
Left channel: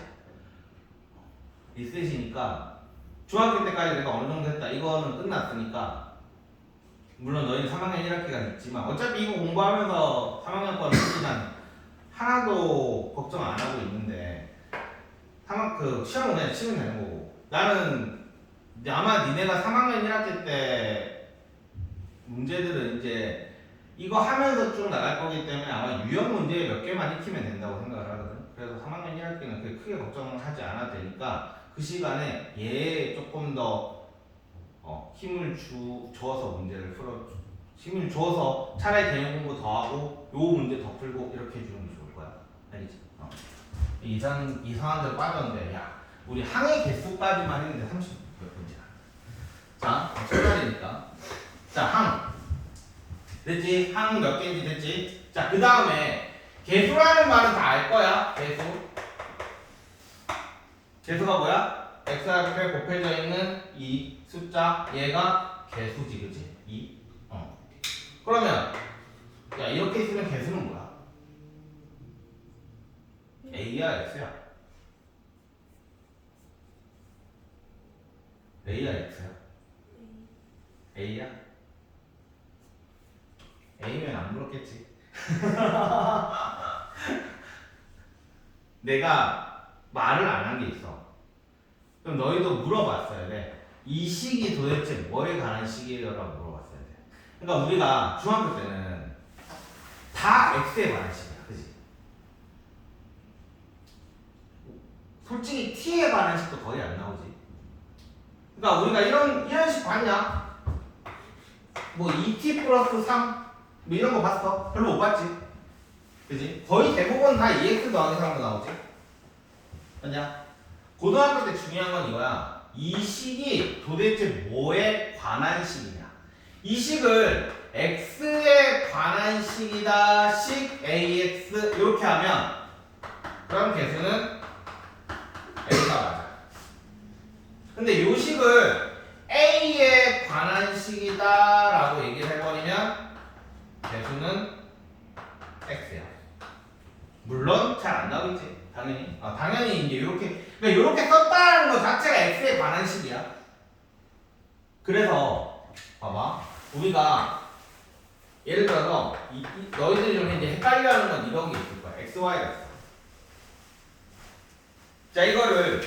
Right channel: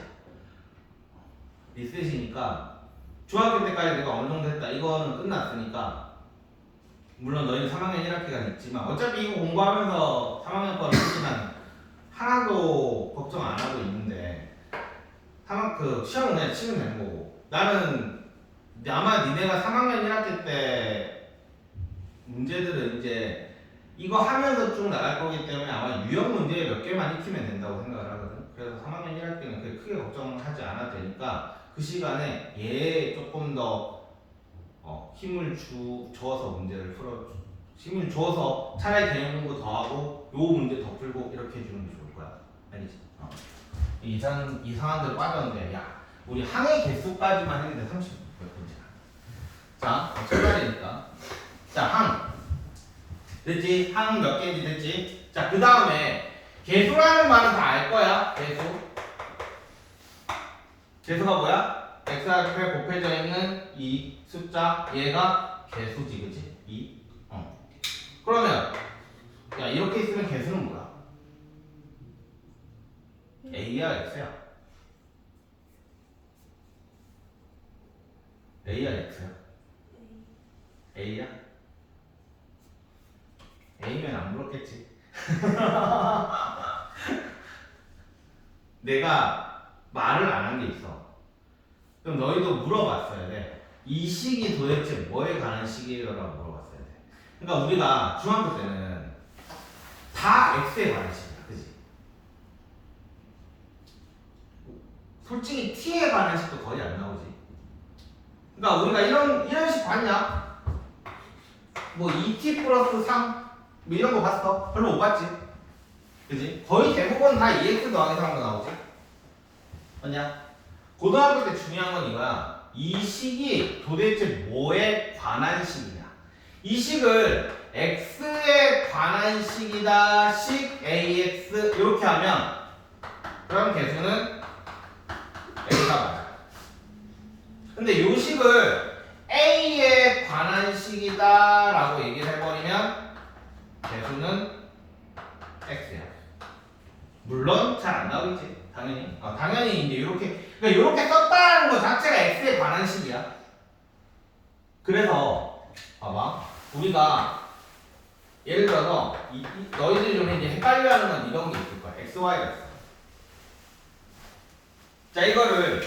리셋이니까 중학교 때까지 내가 어느 정도 했다. 이거는 끝났으니까 물론 너희는 3학년 1학기가 있지만 어차피 이거 공부하면서 3학년 거는 시간 하나도 걱정 안 하고 있는데 그 시험은 그냥 치면 되는 거고 나는 아마 니네가 3학년 1학기 때 문제들은 이제 이거 하면서 쭉 나갈 거기 때문에 아마 유형 문제 몇 개만 익히면 된다고 생각을 하거든. 그래서 3학년 1학기는 그렇게 크게 걱정하지 않아도 되니까 그 시간에 얘 조금 더 힘을 줘서 문제를 힘을 줘서 차라리 개념 공부 더 하고 요 문제 더 풀고 이렇게 해주는 게 좋을 거야. 알겠지? 이상한 데로 빠졌는데 야 우리 항의 개수까지만 했는데 30 몇 번째야. 자, 첫날이니까 자, 항 됐지? 항 몇 개인지 됐지? 자, 그 다음에 개수라는 말은 다 알 거야. 개수가 뭐야? x 앞에 곱해져 있는 이 숫자 얘가 개수지, 그치? 2. 그러면 야 이렇게 있으면 개수는 뭐야? A야 X야? A야 X야? A야? A면 안 물었겠지. 내가 말을 안 한 게 있어. 그럼 너희도 물어봤어야 돼. 이 식이 도대체 뭐에 관한 식이에요? 라고 물어봤어야 돼. 그러니까 우리가 중학교 때는 다 X에 관한 식이야. 그치? 솔직히 T에 관한 식도 거의 안 나오지. 그러니까 우리가 이런 식 봤냐? 뭐 2T 플러스 3? 뭐 이런 거 봤어? 별로 못 봤지? 그지? 거의 대부분 다 EX 더하기 3도 나오지? 맞냐? 고등학교 때 중요한 건 이거야. 이 식이 도대체 뭐에 관한 식이냐? 이 식을 X에 관한 식이다, 식 AX 이렇게 하면 그럼 개수는 X가 맞아. 근데 이 식을 A에 관한 식이다 라고 얘기를 해버리면 개수는 X야. 물론 잘 안 나오겠지. 당연히. 당연히 이제 이렇게 그러니까 이렇게 썼다는 거 자체가 X에 관한 식이야. 그래서 봐봐. 우리가 예를 들어서 너희들이 좀 이제 헷갈려하는 건 이런 게 있을 거야. X, Y가 있어. 자 이거를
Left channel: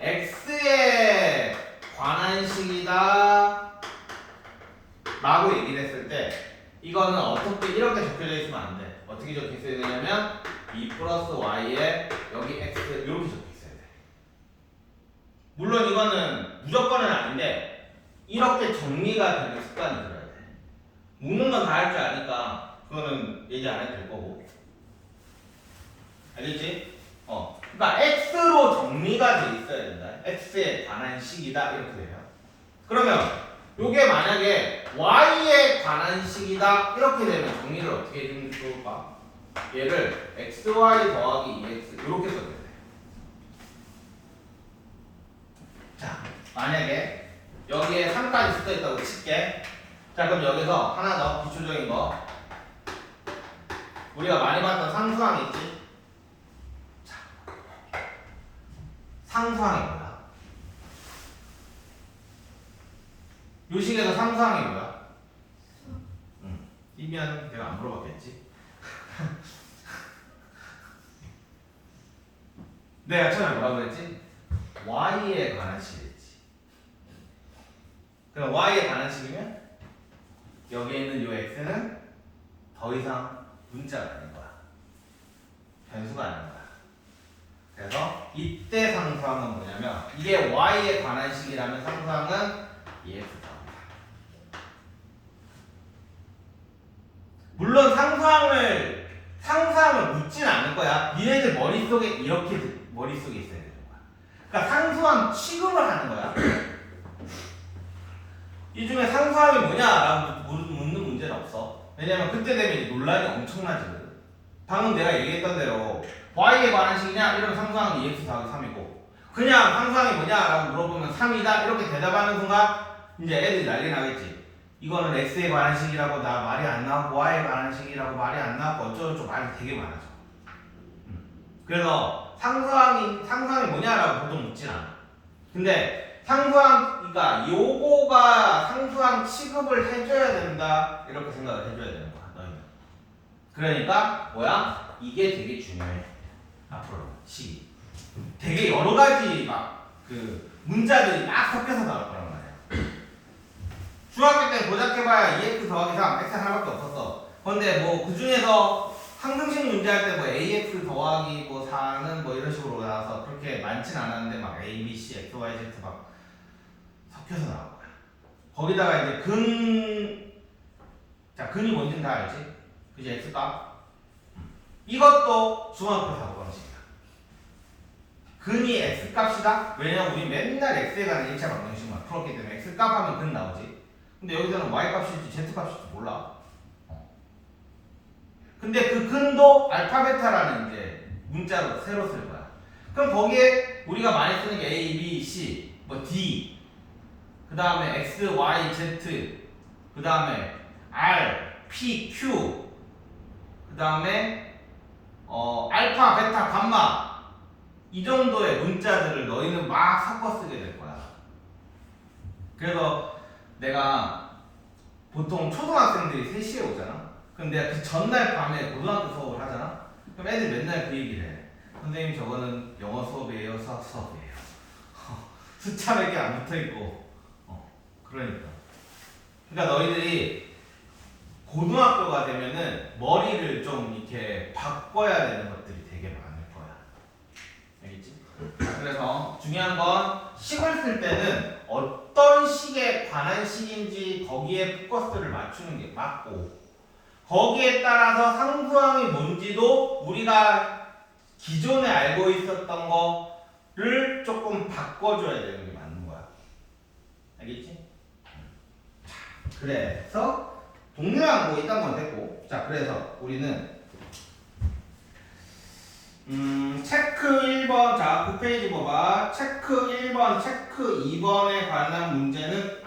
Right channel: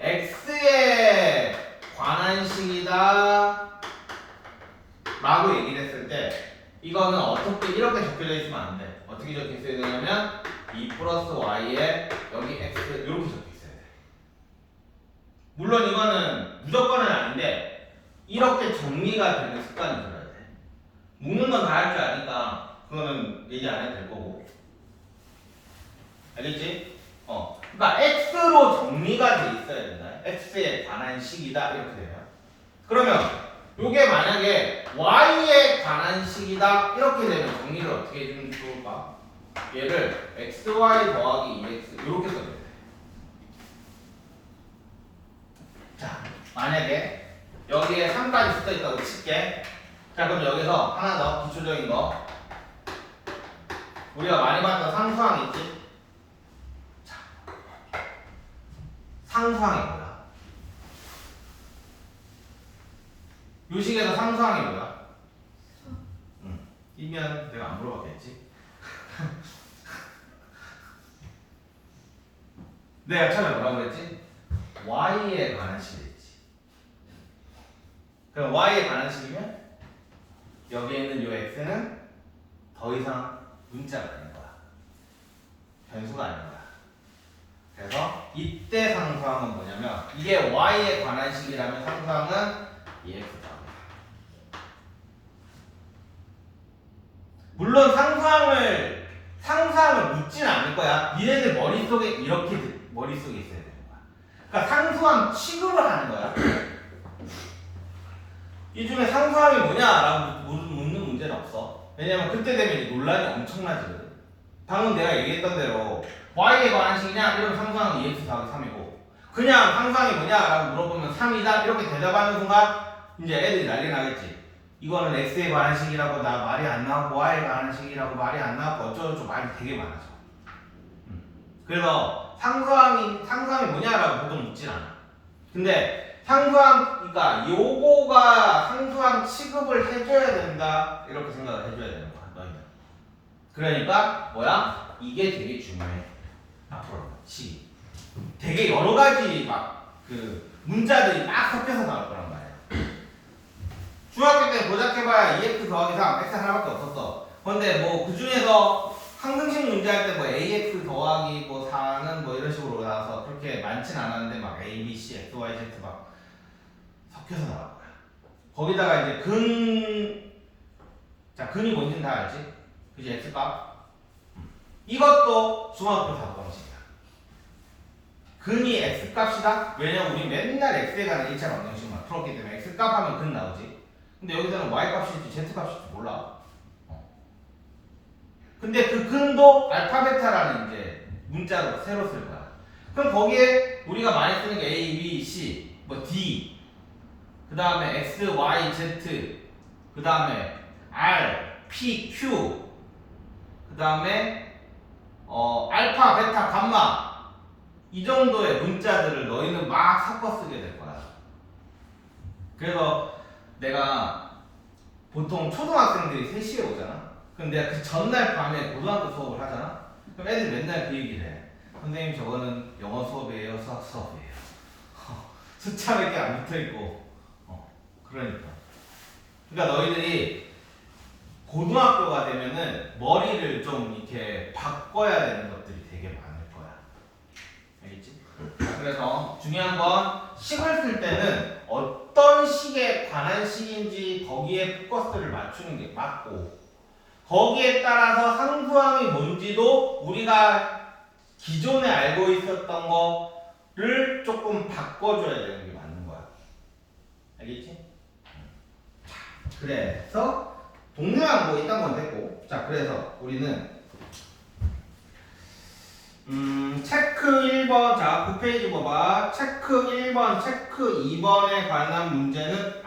X에 관한 식이다 라고 얘기를 했을 때 이거는 어떻게 이렇게 적혀져 있으면 안 돼. 어떻게 적혀 있어야 되냐면 2 플러스 Y에 여기 X 이렇게 적혀 있어야 돼. 물론 이거는 무조건은 아닌데 이렇게 정리가 되는 습관이 들어야 돼. 묶는 건 다 할 줄 아니까 그거는 얘기 안 해도 될 거고. 알겠지? 그러니까 X로 정리가 돼 있어야 된다. X에 관한 식이다 이렇게 돼요. 그러면 요게 만약에 Y에 관한 식이다 이렇게 되면 정리를 어떻게 해주면 좋을까? 얘를 XY 더하기 2X 이렇게 써줘야 돼. 자, 만약에 여기에 3까지 붙어 있다고 칠게. 자, 그럼 여기서 하나 더 기초적인 거. 우리가 많이 봤던 상수항 있지? 자, 상수항이 뭐야? 요식에서 상수항이 뭐야? 이면 내가 안 물어봤겠지? 내가 처음에 뭐라고 그랬지? Y에 관한 식이랬지. 그럼 Y에 관한 식이면 여기에 있는 요 X는 더 이상 문자가 아닌 거야. 변수가 아닌 거야. 그래서 이때 상수항은 뭐냐면 이게 Y에 관한 식이라면 상수항은 EX다. 물론 상수항을 묻지는 않을 거야. 니네들 머릿속에 이렇게 머릿속에 있어야 되는 거야. 그러니까 상수항 취급을 하는 거야. 이 중에 상수항이 뭐냐라고 묻는 문제는 없어. 왜냐면 그때 되면 이제 논란이 엄청나지거든. 방금 내가 얘기했던 대로 Y에 관한 식이냐 이러면 상수항은 2x 더하기 3이고 그냥 상수항이 뭐냐라고 물어보면 3이다 이렇게 대답하는 순간 이제 애들이 난리 나겠지. 이거는 X에 관한 식이라고 나 말이 안 나오고 Y에 관한 식이라고 말이 안 나오고 어쩌고저쩌고 말이 되게 많아져. 그래서 상수항이 뭐냐라고 보통 있진 않아. 근데 상수항, 그러니까 요거가 상수항 취급을 해줘야 된다 이렇게 생각을 해줘야 되는 거야 너희는. 그러니까 뭐야? 이게 되게 중요해. 앞으로 시 되게 여러 가지 막 그 문자들이 막 섞여서 나올 거란 말이야. 중학교 때 고작해봐야 2x 더하기 3 x 하나밖에 없었어. 근데 뭐 그 중에서 항등식 문제 할 때 뭐 ax 더하기 뭐 4는 뭐 이런 식으로 나와서 그렇게 많진 않았는데 막 a, b, c, x, y, z 막 섞여서 나올 거야. 거기다가 이제 자 근이 뭔지는 다 알지? 그지? x값. 이것도 중학교 사고 방식이야. 근이 x값이다? 왜냐면 우리 맨날 x에 관한 1차 방정식만 풀었기 때문에 x값 하면 근 나오지. 근데 여기서는 y값일지 z값일지 몰라. 근데 그 근도 알파 베타라는 이제 문자로 새로 쓸 거야. 그럼 거기에 우리가 많이 쓰는 게 A, B, C, 뭐 D, 그 다음에 X, Y, Z, 그 다음에 R, P, Q, 그 다음에 알파, 베타, 감마 이 정도의 문자들을 너희는 막 섞어 쓰게 될 거야. 그래서 내가 보통 초등학생들이 3시에 오잖아. 근데 그 전날 밤에 고등학교 수업을 하잖아. 그럼 애들 맨날 그 얘기를 해. 선생님 저거는 영어 수업이에요, 수학 수업이에요. 숫자 몇 개 안 붙어 있고. 그러니까. 그러니까 너희들이 고등학교가 되면은 머리를 좀 이렇게 바꿔야 되는 것들이 되게 많을 거야. 알겠지? 그래서 중요한 건 식을 쓸 때는 어떤 식에 관한 식인지 거기에 포커스를 맞추는 게 맞고, 거기에 따라서 상수항이 뭔지도 우리가 기존에 알고 있었던 거를 조금 바꿔줘야 되는 게 맞는 거야. 알겠지? 그래서 동료항 이딴 건 됐고, 자 그래서 우리는 체크 1번, 자 9페이지 봐봐. 체크 1번, 체크 2번에 관한 문제는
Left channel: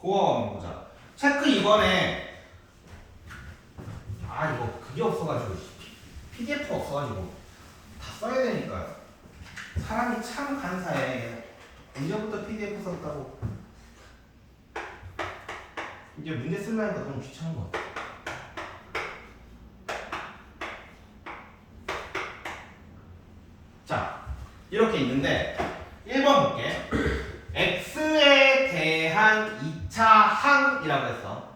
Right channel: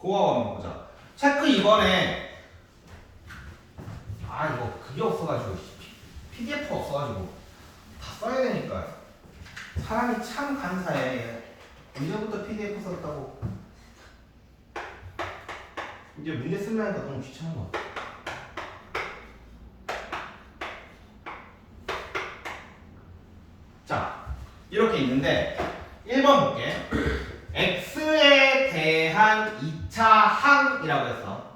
그거 한번 보자. 체크 2번에 이거 그게 없어가지고 PDF가 없어가지고 다 써야 되니까 사람이 참 간사해. 언제부터 PDF 썼다고. 이제 문제 쓰려니까 너무 귀찮은 것 같아. 자 이렇게 있는데 1번 볼게. X에 대한 2차 항이라고 했어.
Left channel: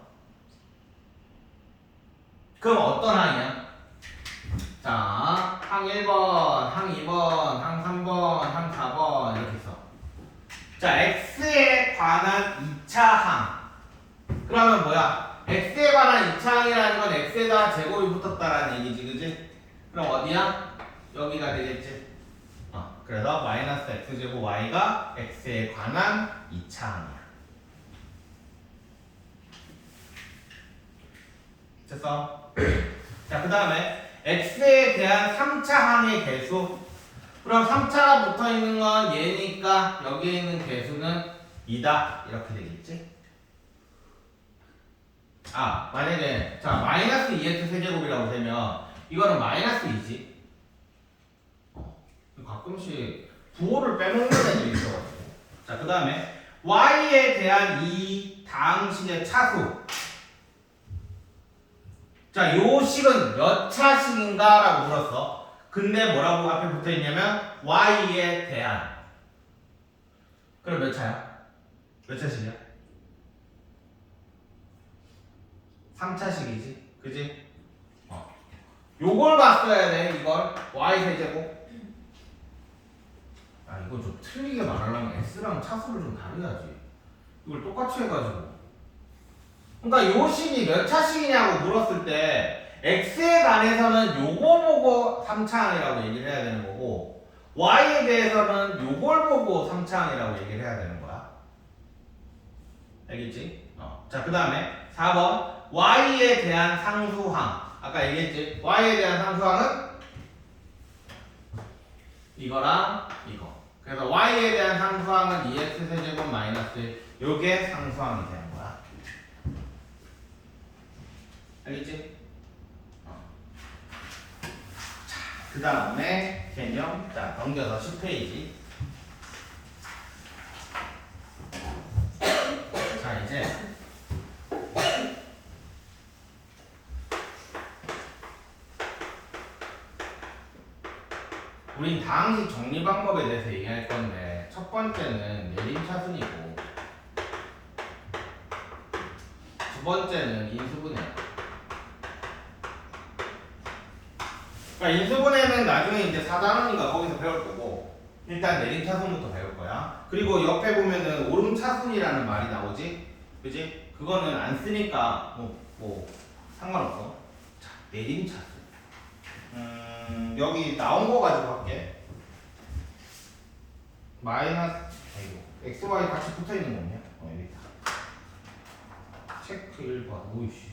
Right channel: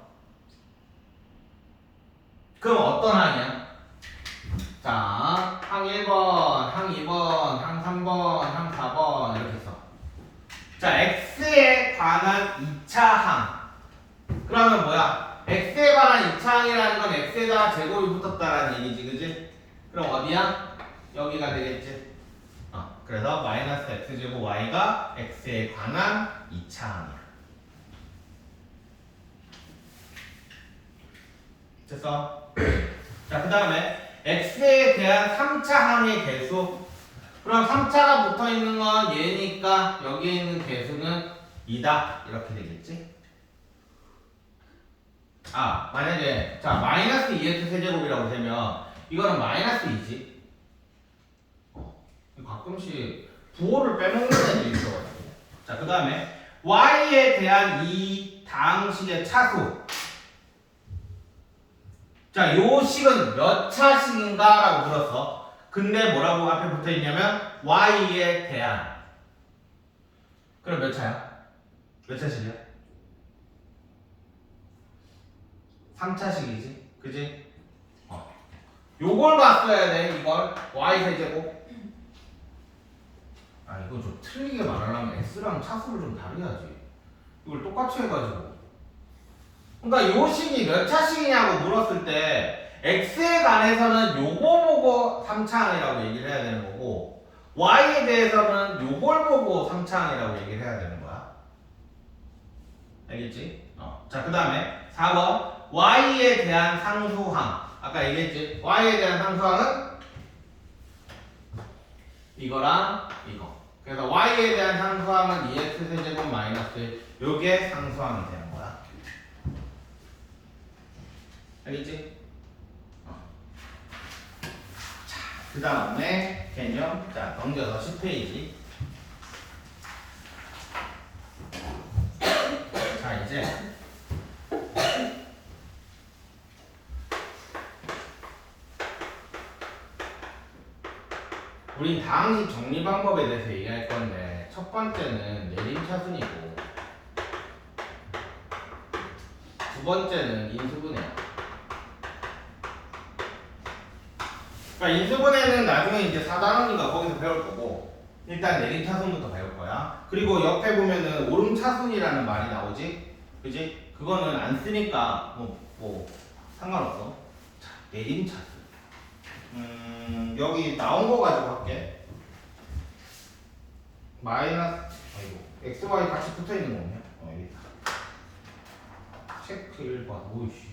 그럼 어떤 항이야? 자, 항 1번, 항 2번, 항 3번, 항 4번 이렇게 써. 자, X에 관한 2차 항. 그러면 뭐야? X에 관한 2차 항이라는 건 X에다 제곱이 붙었다라는 얘기지, 그지? 그럼 어디야? 여기가 되겠지? 그래서 마이너스 x제곱 y가 x에 관한 2차 항이야. 됐어? 자, 그 다음에 x에 대한 3차 항의 개수. 그럼 3차가 붙어있는 건 얘니까 여기에 있는 개수는 2다 이렇게 되겠지? 만약에 자 마이너스 2x 세제곱이라고 되면 이거는 마이너스 2지. 가끔씩 부호를 빼먹는 애들이 있어가지고. 자, 그 다음에 y에 대한 이 다항식의 차수. 자, 요 식은 몇 차식인가? 라고 물었어. 근데 뭐라고 앞에 붙어있냐면 y에 대한. 그럼 몇 차야? 몇 차식이야? 3차식이지? 그지? 요걸 봤어야 돼. 이걸 y 세제곱. 이거 좀 틀리게 말하려면 x랑 차수를 좀 다르야지. 이걸 똑같이 해가지고. 그러니까 요 식이 몇 차식이냐고 물었을 때 x에 관해서는 요거 보고 3차항이라고 얘기를 해야 되는 거고, y에 대해서는 요걸 보고 3차항이라고 얘기를 해야 되는 거야. 알겠지? 자, 그 다음에 4번 y에 대한 상수항. 아까 얘기했지? y에 대한 상수항은 이거랑 이거. 그래서 y에 대한 상수항은 2x 세제곱 마이너스 요게 상수항이 되는 거야. 알겠지? 자, 그 다음에 개념. 자, 넘겨서 10페이지. 자, 이제 우린 다항식 정리 방법에 대해서 얘기할 건데, 첫 번째는 내림차순이고 두 번째는 인수분해야. 그러니까 인수분해는 나중에 이제 4단원인가 거기서 배울 거고, 일단 내림차순부터 배울 거야. 그리고 옆에 보면은 오름차순이라는 말이 나오지? 그지? 그거는 안 쓰니까 뭐 상관없어. 자, 내림차순. 여기 나온 거 가지고 할게. 마이너스, 아이고, x, y 같이 붙어 있는 거 없냐? 여기 있다. 체크 1번. 오이씨.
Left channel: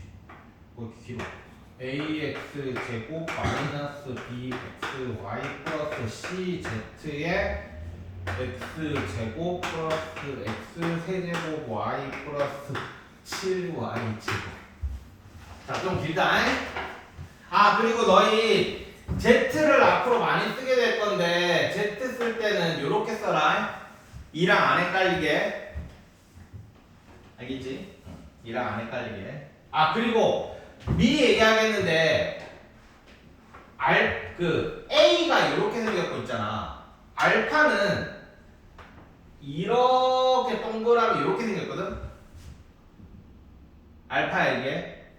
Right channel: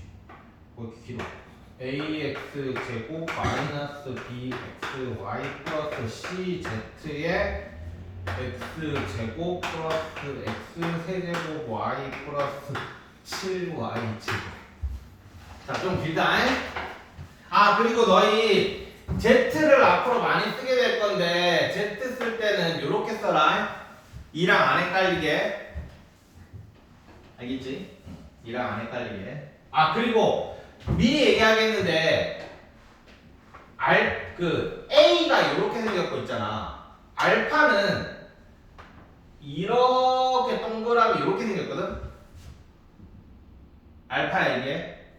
뭐 이렇게 길어. ax 제곱 마이너스 bxy 플러스 cz의 x 제곱 플러스 x 세제곱 y 플러스 7y 제곱. 자, 좀 길다. 아, 그리고 너희 z를 앞으로 많이 쓰게 될 건데 z 쓸 때는 이렇게 써라. 2랑 안 헷갈리게. 알겠지? 2랑 안 헷갈리게. 아, 그리고 미리 얘기하겠는데 A가 이렇게 생겼고 있잖아. 알파는 이렇게 동그라미 이렇게 생겼거든. 알파야 이게.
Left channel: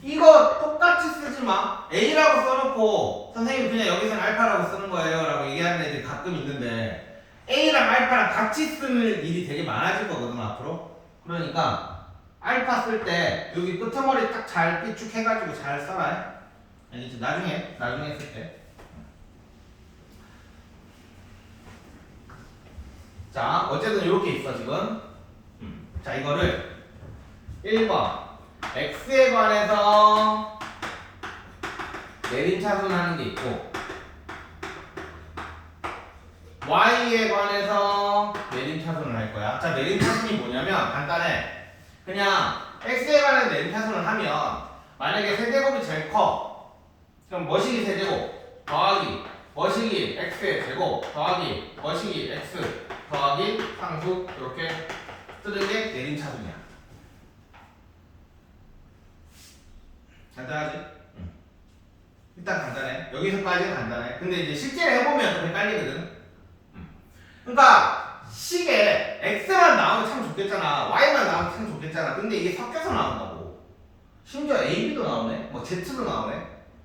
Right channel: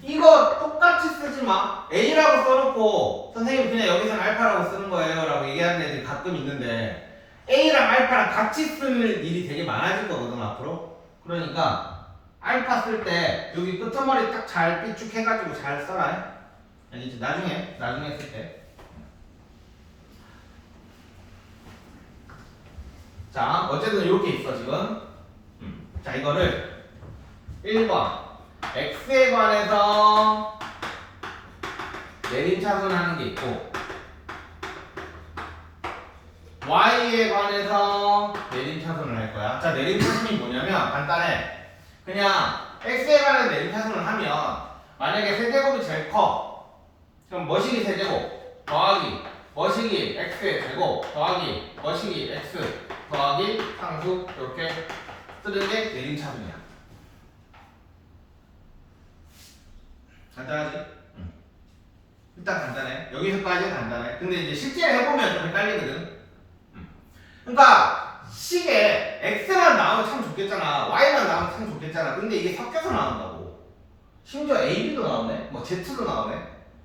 이거 똑같이 쓰지 마. A라고 써놓고 선생님 그냥 여기서는 알파라고 쓰는 거예요 라고 얘기하는 애들이 가끔 있는데, A랑 알파랑 같이 쓸 일이 되게 많아질 거거든 앞으로. 그러니까 알파 쓸 때 여기 끄트머리 딱 잘 비축해가지고 잘 써라. 알겠지? 나중에 쓸 때. 자, 어쨌든 이렇게 있어 지금. 자, 이거를 1번 x에 관해서 내림차순하는 게 있고, y에 관해서 내림차순을 할 거야. 자, 내림차순이 뭐냐면 간단해. 그냥 x에 관해서 내림차순을 하면 만약에 세제곱이 제일 커. 그럼 머시기 세제곱 더하기 머시기 x의 제곱 더하기 머시기 x 더하기 상수 이렇게 쓰는 게 내림차순이야. 간단하지? 일단 간단해. 여기서까지는 간단해. 근데 이제 실제 해보면 좀 헷갈리거든. 그러니까 식에 x만 나오면 참 좋겠잖아. y만 나오면 참 좋겠잖아. 근데 이게 섞여서 나온다고. 심지어 a, b도 나오네. 뭐 z도 나오네.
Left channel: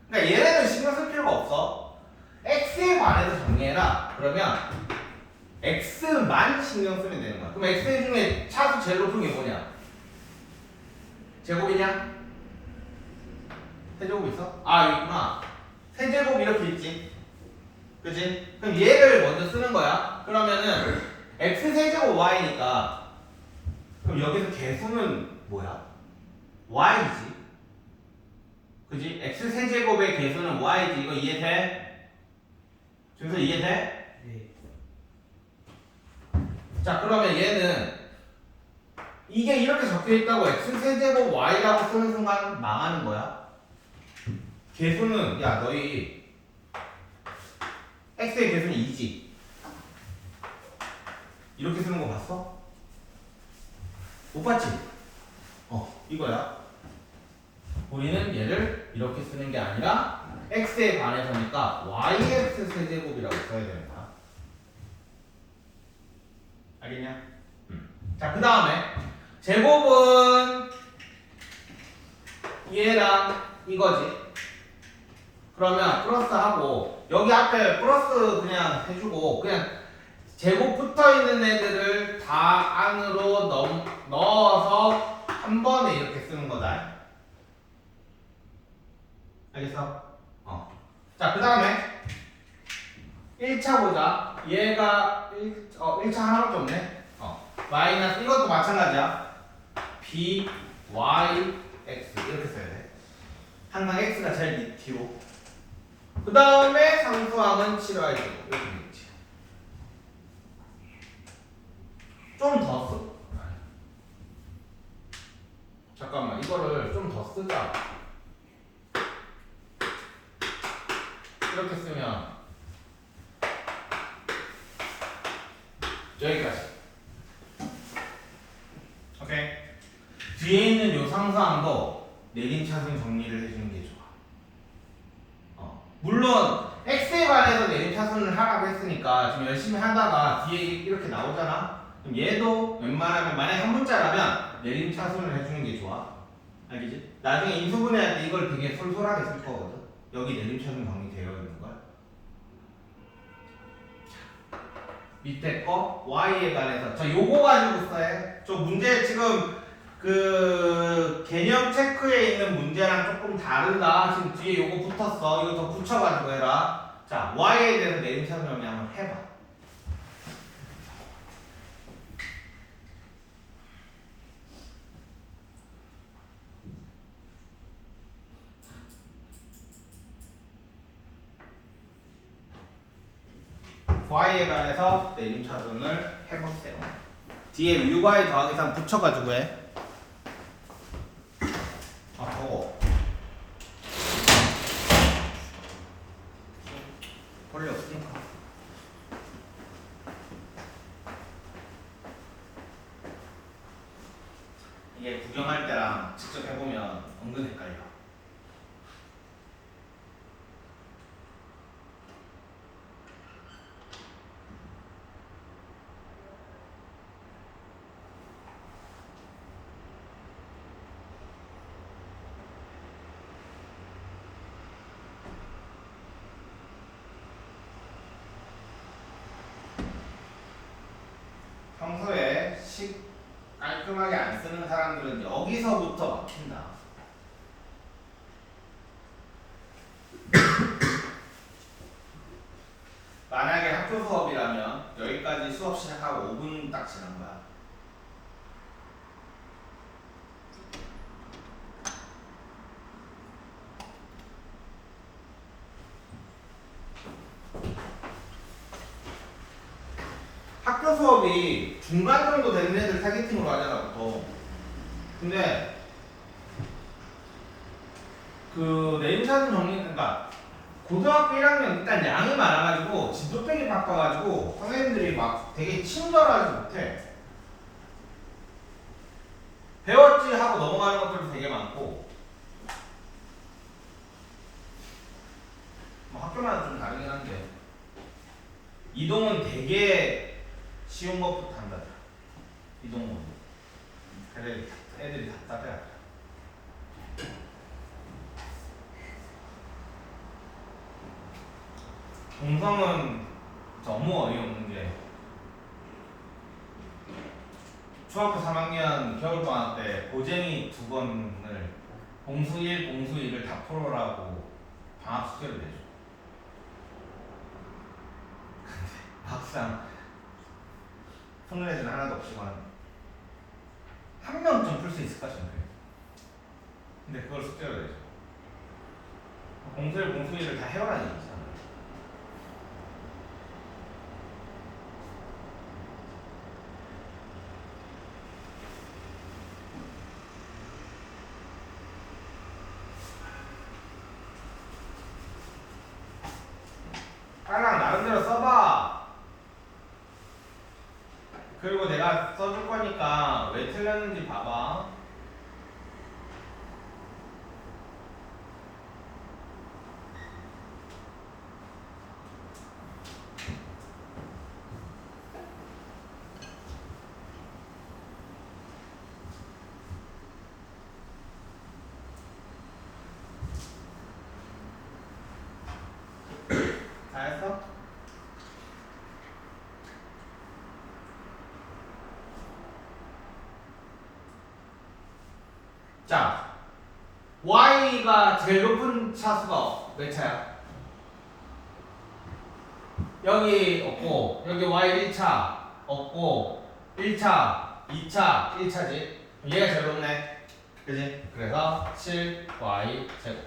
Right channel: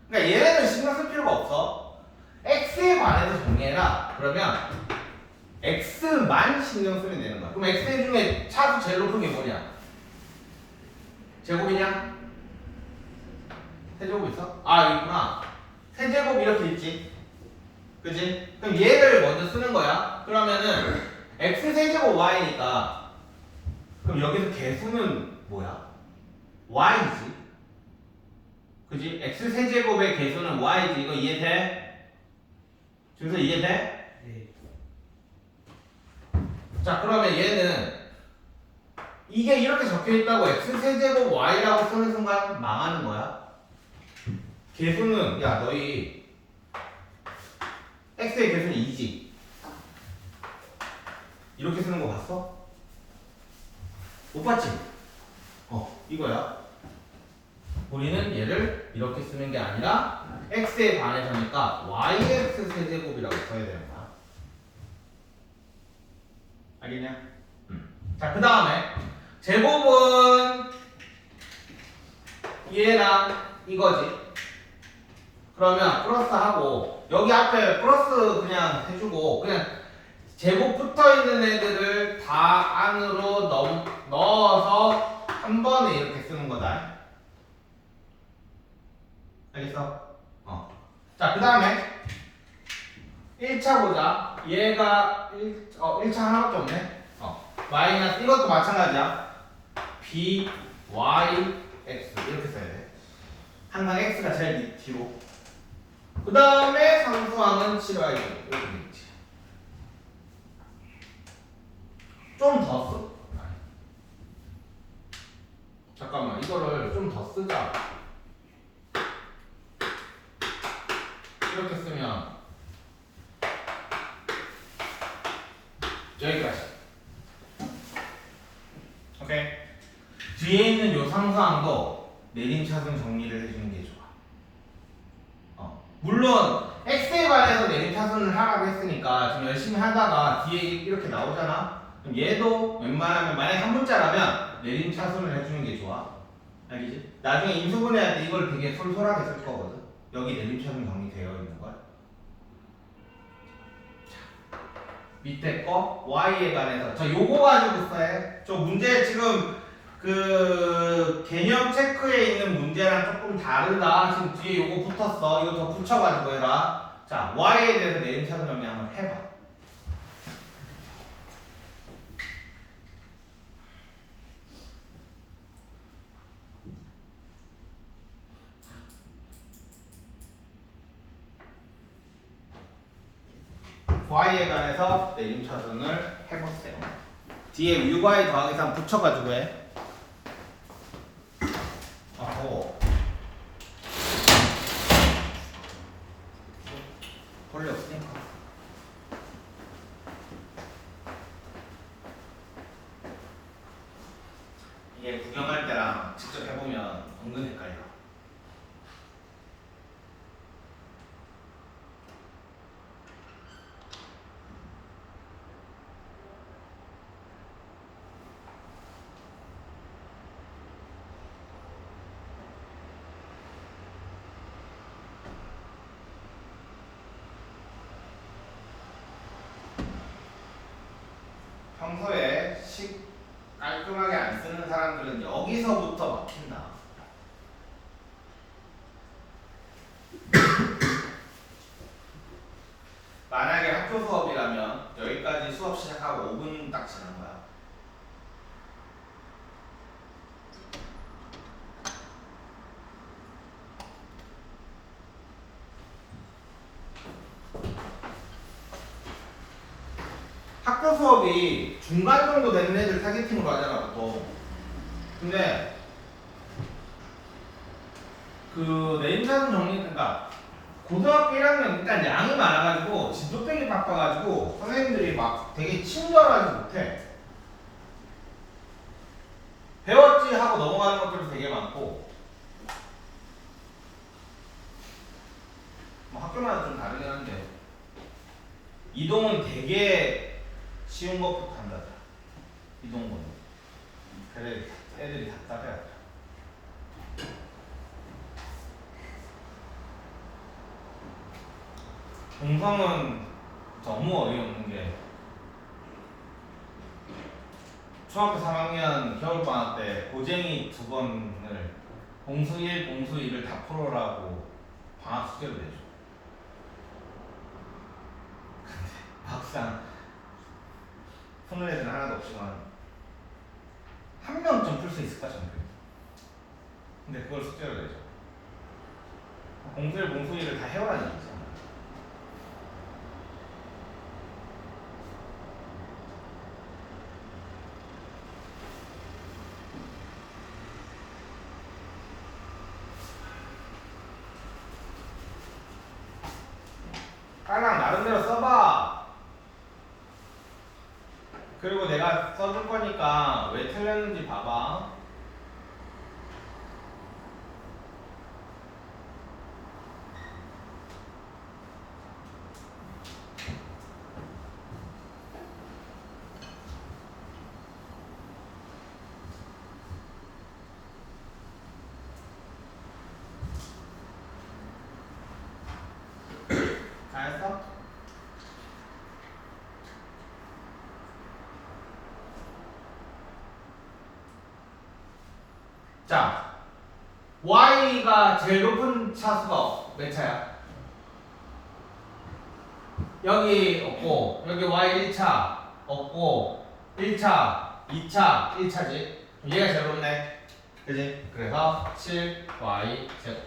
그러니까 얘네는 신경 쓸 필요가 없어. x에 관해서 정리해라. 그러면 x만 신경 쓰면 되는 거야. 그럼 x 중에 차수 제일 높은 게 뭐냐? 제곱이냐? 세제곱 있어? 아, 여기 있구나. 세제곱 이렇게 있지. 그치? 그럼 얘를 먼저 쓰는 거야. 그러면은 x 세제곱 y니까, 그럼 여기서 개수는 뭐야? y지. 그치? x 세제곱의 개수는 y지. 이거 이해돼? 준서 이해돼? 네. 자, 그러면 얘는 이게 이렇게 적혀 있다고 x 세제곱 y라고 쓰는 순간 망하는 거야. 개수는, 야, 너희 x의 개수는 2지. 이렇게 쓰는 거 봤어? 못 봤지? 이거야. 우리는 얘를 이렇게 쓰는 게 아니라 x에 반해서니까 yx 세제곱이라고 써야 되는 거야. 알겠냐? 자, 그 다음에 제곱은 얘랑 이거지. 그러면 플러스하고 여기 앞에 플러스 그냥 해주고, 그냥 제곱 붙어있는 애들을 다 안으로 넣어서 한 번에 이렇게 쓰는 거다. 알겠어? 자, 그 다음에 1차 보자. 얘가 1차 하나밖에 없네. 마이너스, 이것도 마찬가지야. b, y, x 이렇게 써야 돼. 항상 x가 제일 뒤로. 그 다음에 상수항은 7y 이렇게 되겠지. 좀 더 써. 잠깐만, 이거를 좀 더 쓰자. 이렇게 쓰면 여기까지. 오케이. 뒤에 있는 요 상수항도 내림차순 정리를 해주는 게 좋아. 물론 x에 관해서 내림차순을 하라고 했으니까 지금 열심히 하다가 뒤에 이렇게 나오잖아. 그럼 얘도 웬만하면 만약에 한 문자라면 내림차순을 해주는 게 좋아. 알겠지? 나중에 인수분해할 때 이걸 되게 솔솔하게 쓸 거거든. 여기 내림차순 정리되어 있는 거야. 밑에 거 y에 관해서 저 요거 가지고 써야. 저 문제 지금 그 개념 체크에 있는 문제랑 조금 다르다. 지금 뒤에 요거 붙었어. 이거 더 붙여가지고 해라. 자, y에 대해서 내림차순 정리 한번 해봐. y에 관해서 내림차순을 해보세요. 뒤에 뮤y 더하기 3 붙여가지고 해. 하고 벌레 없으니까. 이게 구경할 때랑 직접 해보면 은근 헷갈려. 평소에 식 깔끔하게 안 쓰는 사람들은 여기서부터 막힌다. 만약에 학교 수업이라면 여기까지 수업 시작하고 5분 딱 지난 거야. 학교 수업이 중간 정도 되는 애들 타겟팅으로 하잖아, 보통. 근데 그 내림차순 정리, 그러니까 고등학교 1학년 일단 양이 많아가지고 진도팩이 바빠가지고 선생님들이 막 되게 친절하지 못해. 배웠지 하고 넘어가는 것들도 되게 많고. 뭐 학교마다 좀 다르긴 한데 이동은 되게 쉬운 것부터 한다. 이동은 그래 애들이 답답해. 동성은 너무 어이없는 게 중학교 3학년 겨울방학 때 고쟁이 2권을 공수 1, 공수 2를 다 풀어라고 방학 숙제를 내줘. 근데 막상 푸는 애들은 하나도 없지만 한 명쯤 풀 수 있을까 전교. 근데 그걸 숙제로 내줘. 공수 1, 공수 2를 다 해오라는 얘기잖아. 하나 나름대로 써봐. 그리고 내가 써줄 거니까 왜 틀렸는지 봐봐. 다 했어? 자, y가 제일 높은 차수가 몇 차야? 여기 없고 여기 y 1차 없고 1차, 2차, 1차지. 얘가 제일 높네. 그지? 그래서 7y 제곱.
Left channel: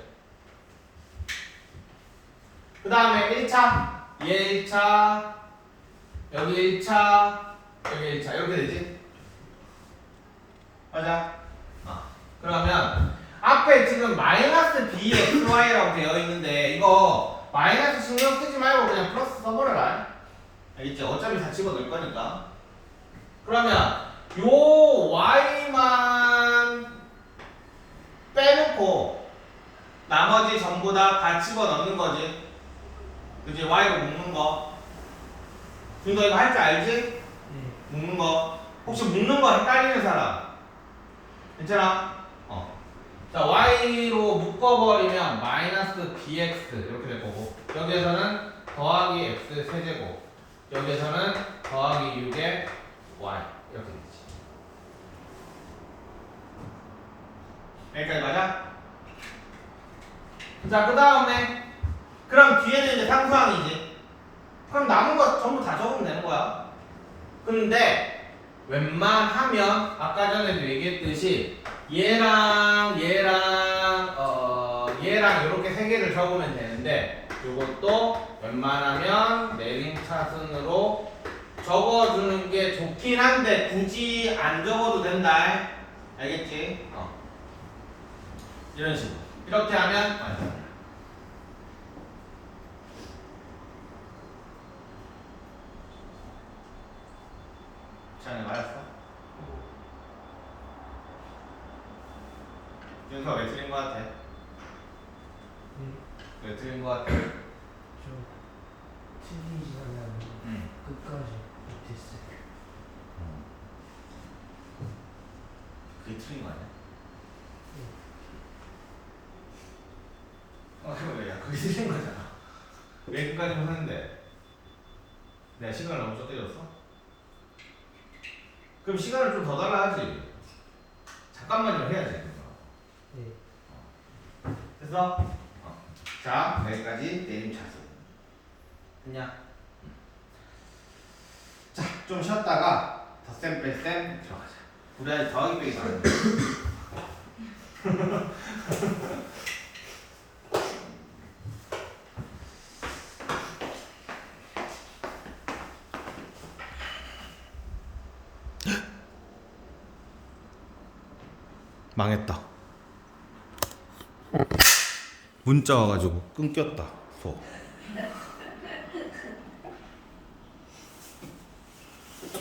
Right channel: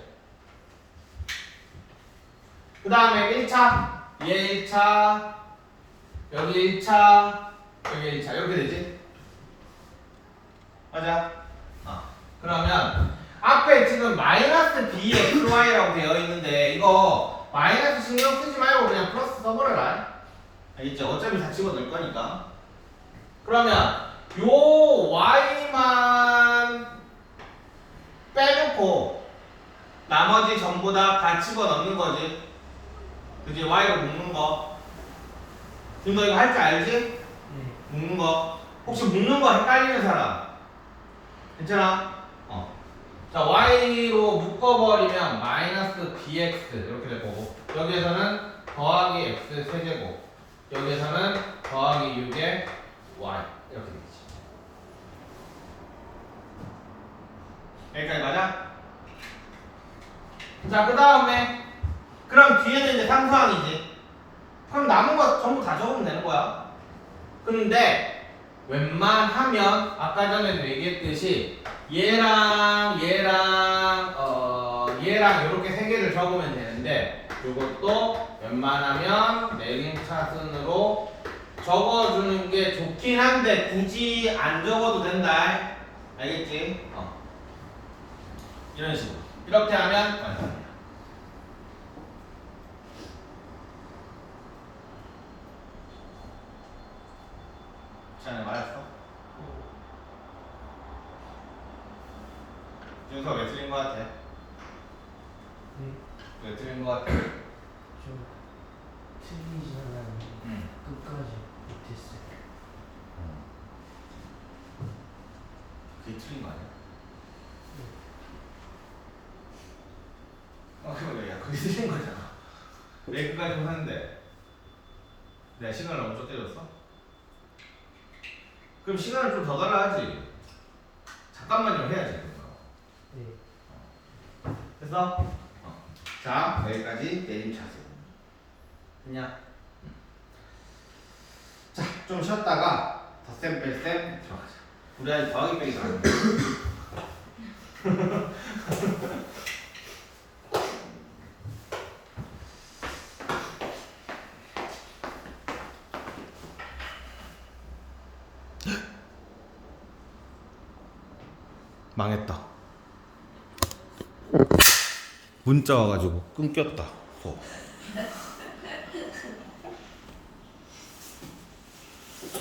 그 다음에 1차, 얘 1차, 여기 1차, 여기 1차 이렇게 되지? 맞아? 그러면 앞에 지금 마이너스 bxy라고 되어 있는데 이거 마이너스 신경 쓰지 말고 그냥 플러스 써버려라. 알겠지? 어차피 다 집어넣을 거니까. 그러면 요 y만 빼놓고 나머지 전부 다 집어넣는 거지. 그지? y로 묶는 거. 지금 너 이거 할 줄 알지? 네. 묶는 거. 혹시 묶는 거 헷갈리는 사람? 괜찮아? 자, y로 묶어버리면 마이너스 bx 이렇게 될 거고, 여기에서는 더하기 x 세제곱, 여기에서는 더하기 6의 y 이렇게 되지. 여기까지 맞아? 자, 그 다음에 그럼 뒤에는 이제 상수항이지. 그럼 남은 거 전부 다 적으면 되는 거야. 근데 웬만하면 아까 전에도 얘기했듯이 얘랑 이렇게 세 개를 적으면 되는데, 이것도 웬만하면 내림차순으로 적어주는 게 좋긴 한데 굳이 안 적어도 된다. 알겠지? 이런 식으로 이렇게 하면 완성이야. 잘 맞았어? 윤서 왜 틀린 거 같아? 네. 왜 틀린 거 같아? 저 틀리지 않았는데 응. 끝까지 못했어요. 그게 틀린 거 아니야? 네. 그래, 야, 그게 틀린 거잖아. 왜 끝까지 못했는데? 내가 시간을 너무 쫓겨줬어 그럼 시간을 좀 더 달아야지. 잠깐만요 해야지. 그거. 네. 됐어? 자, 여기까지 내림차순. 됐냐? 자, 좀 쉬었다가 덧셈 뺄셈 들어가자. 우리 아직 더하기 빼기 잘하는 망했다. 문자 와가지고 끊겼다.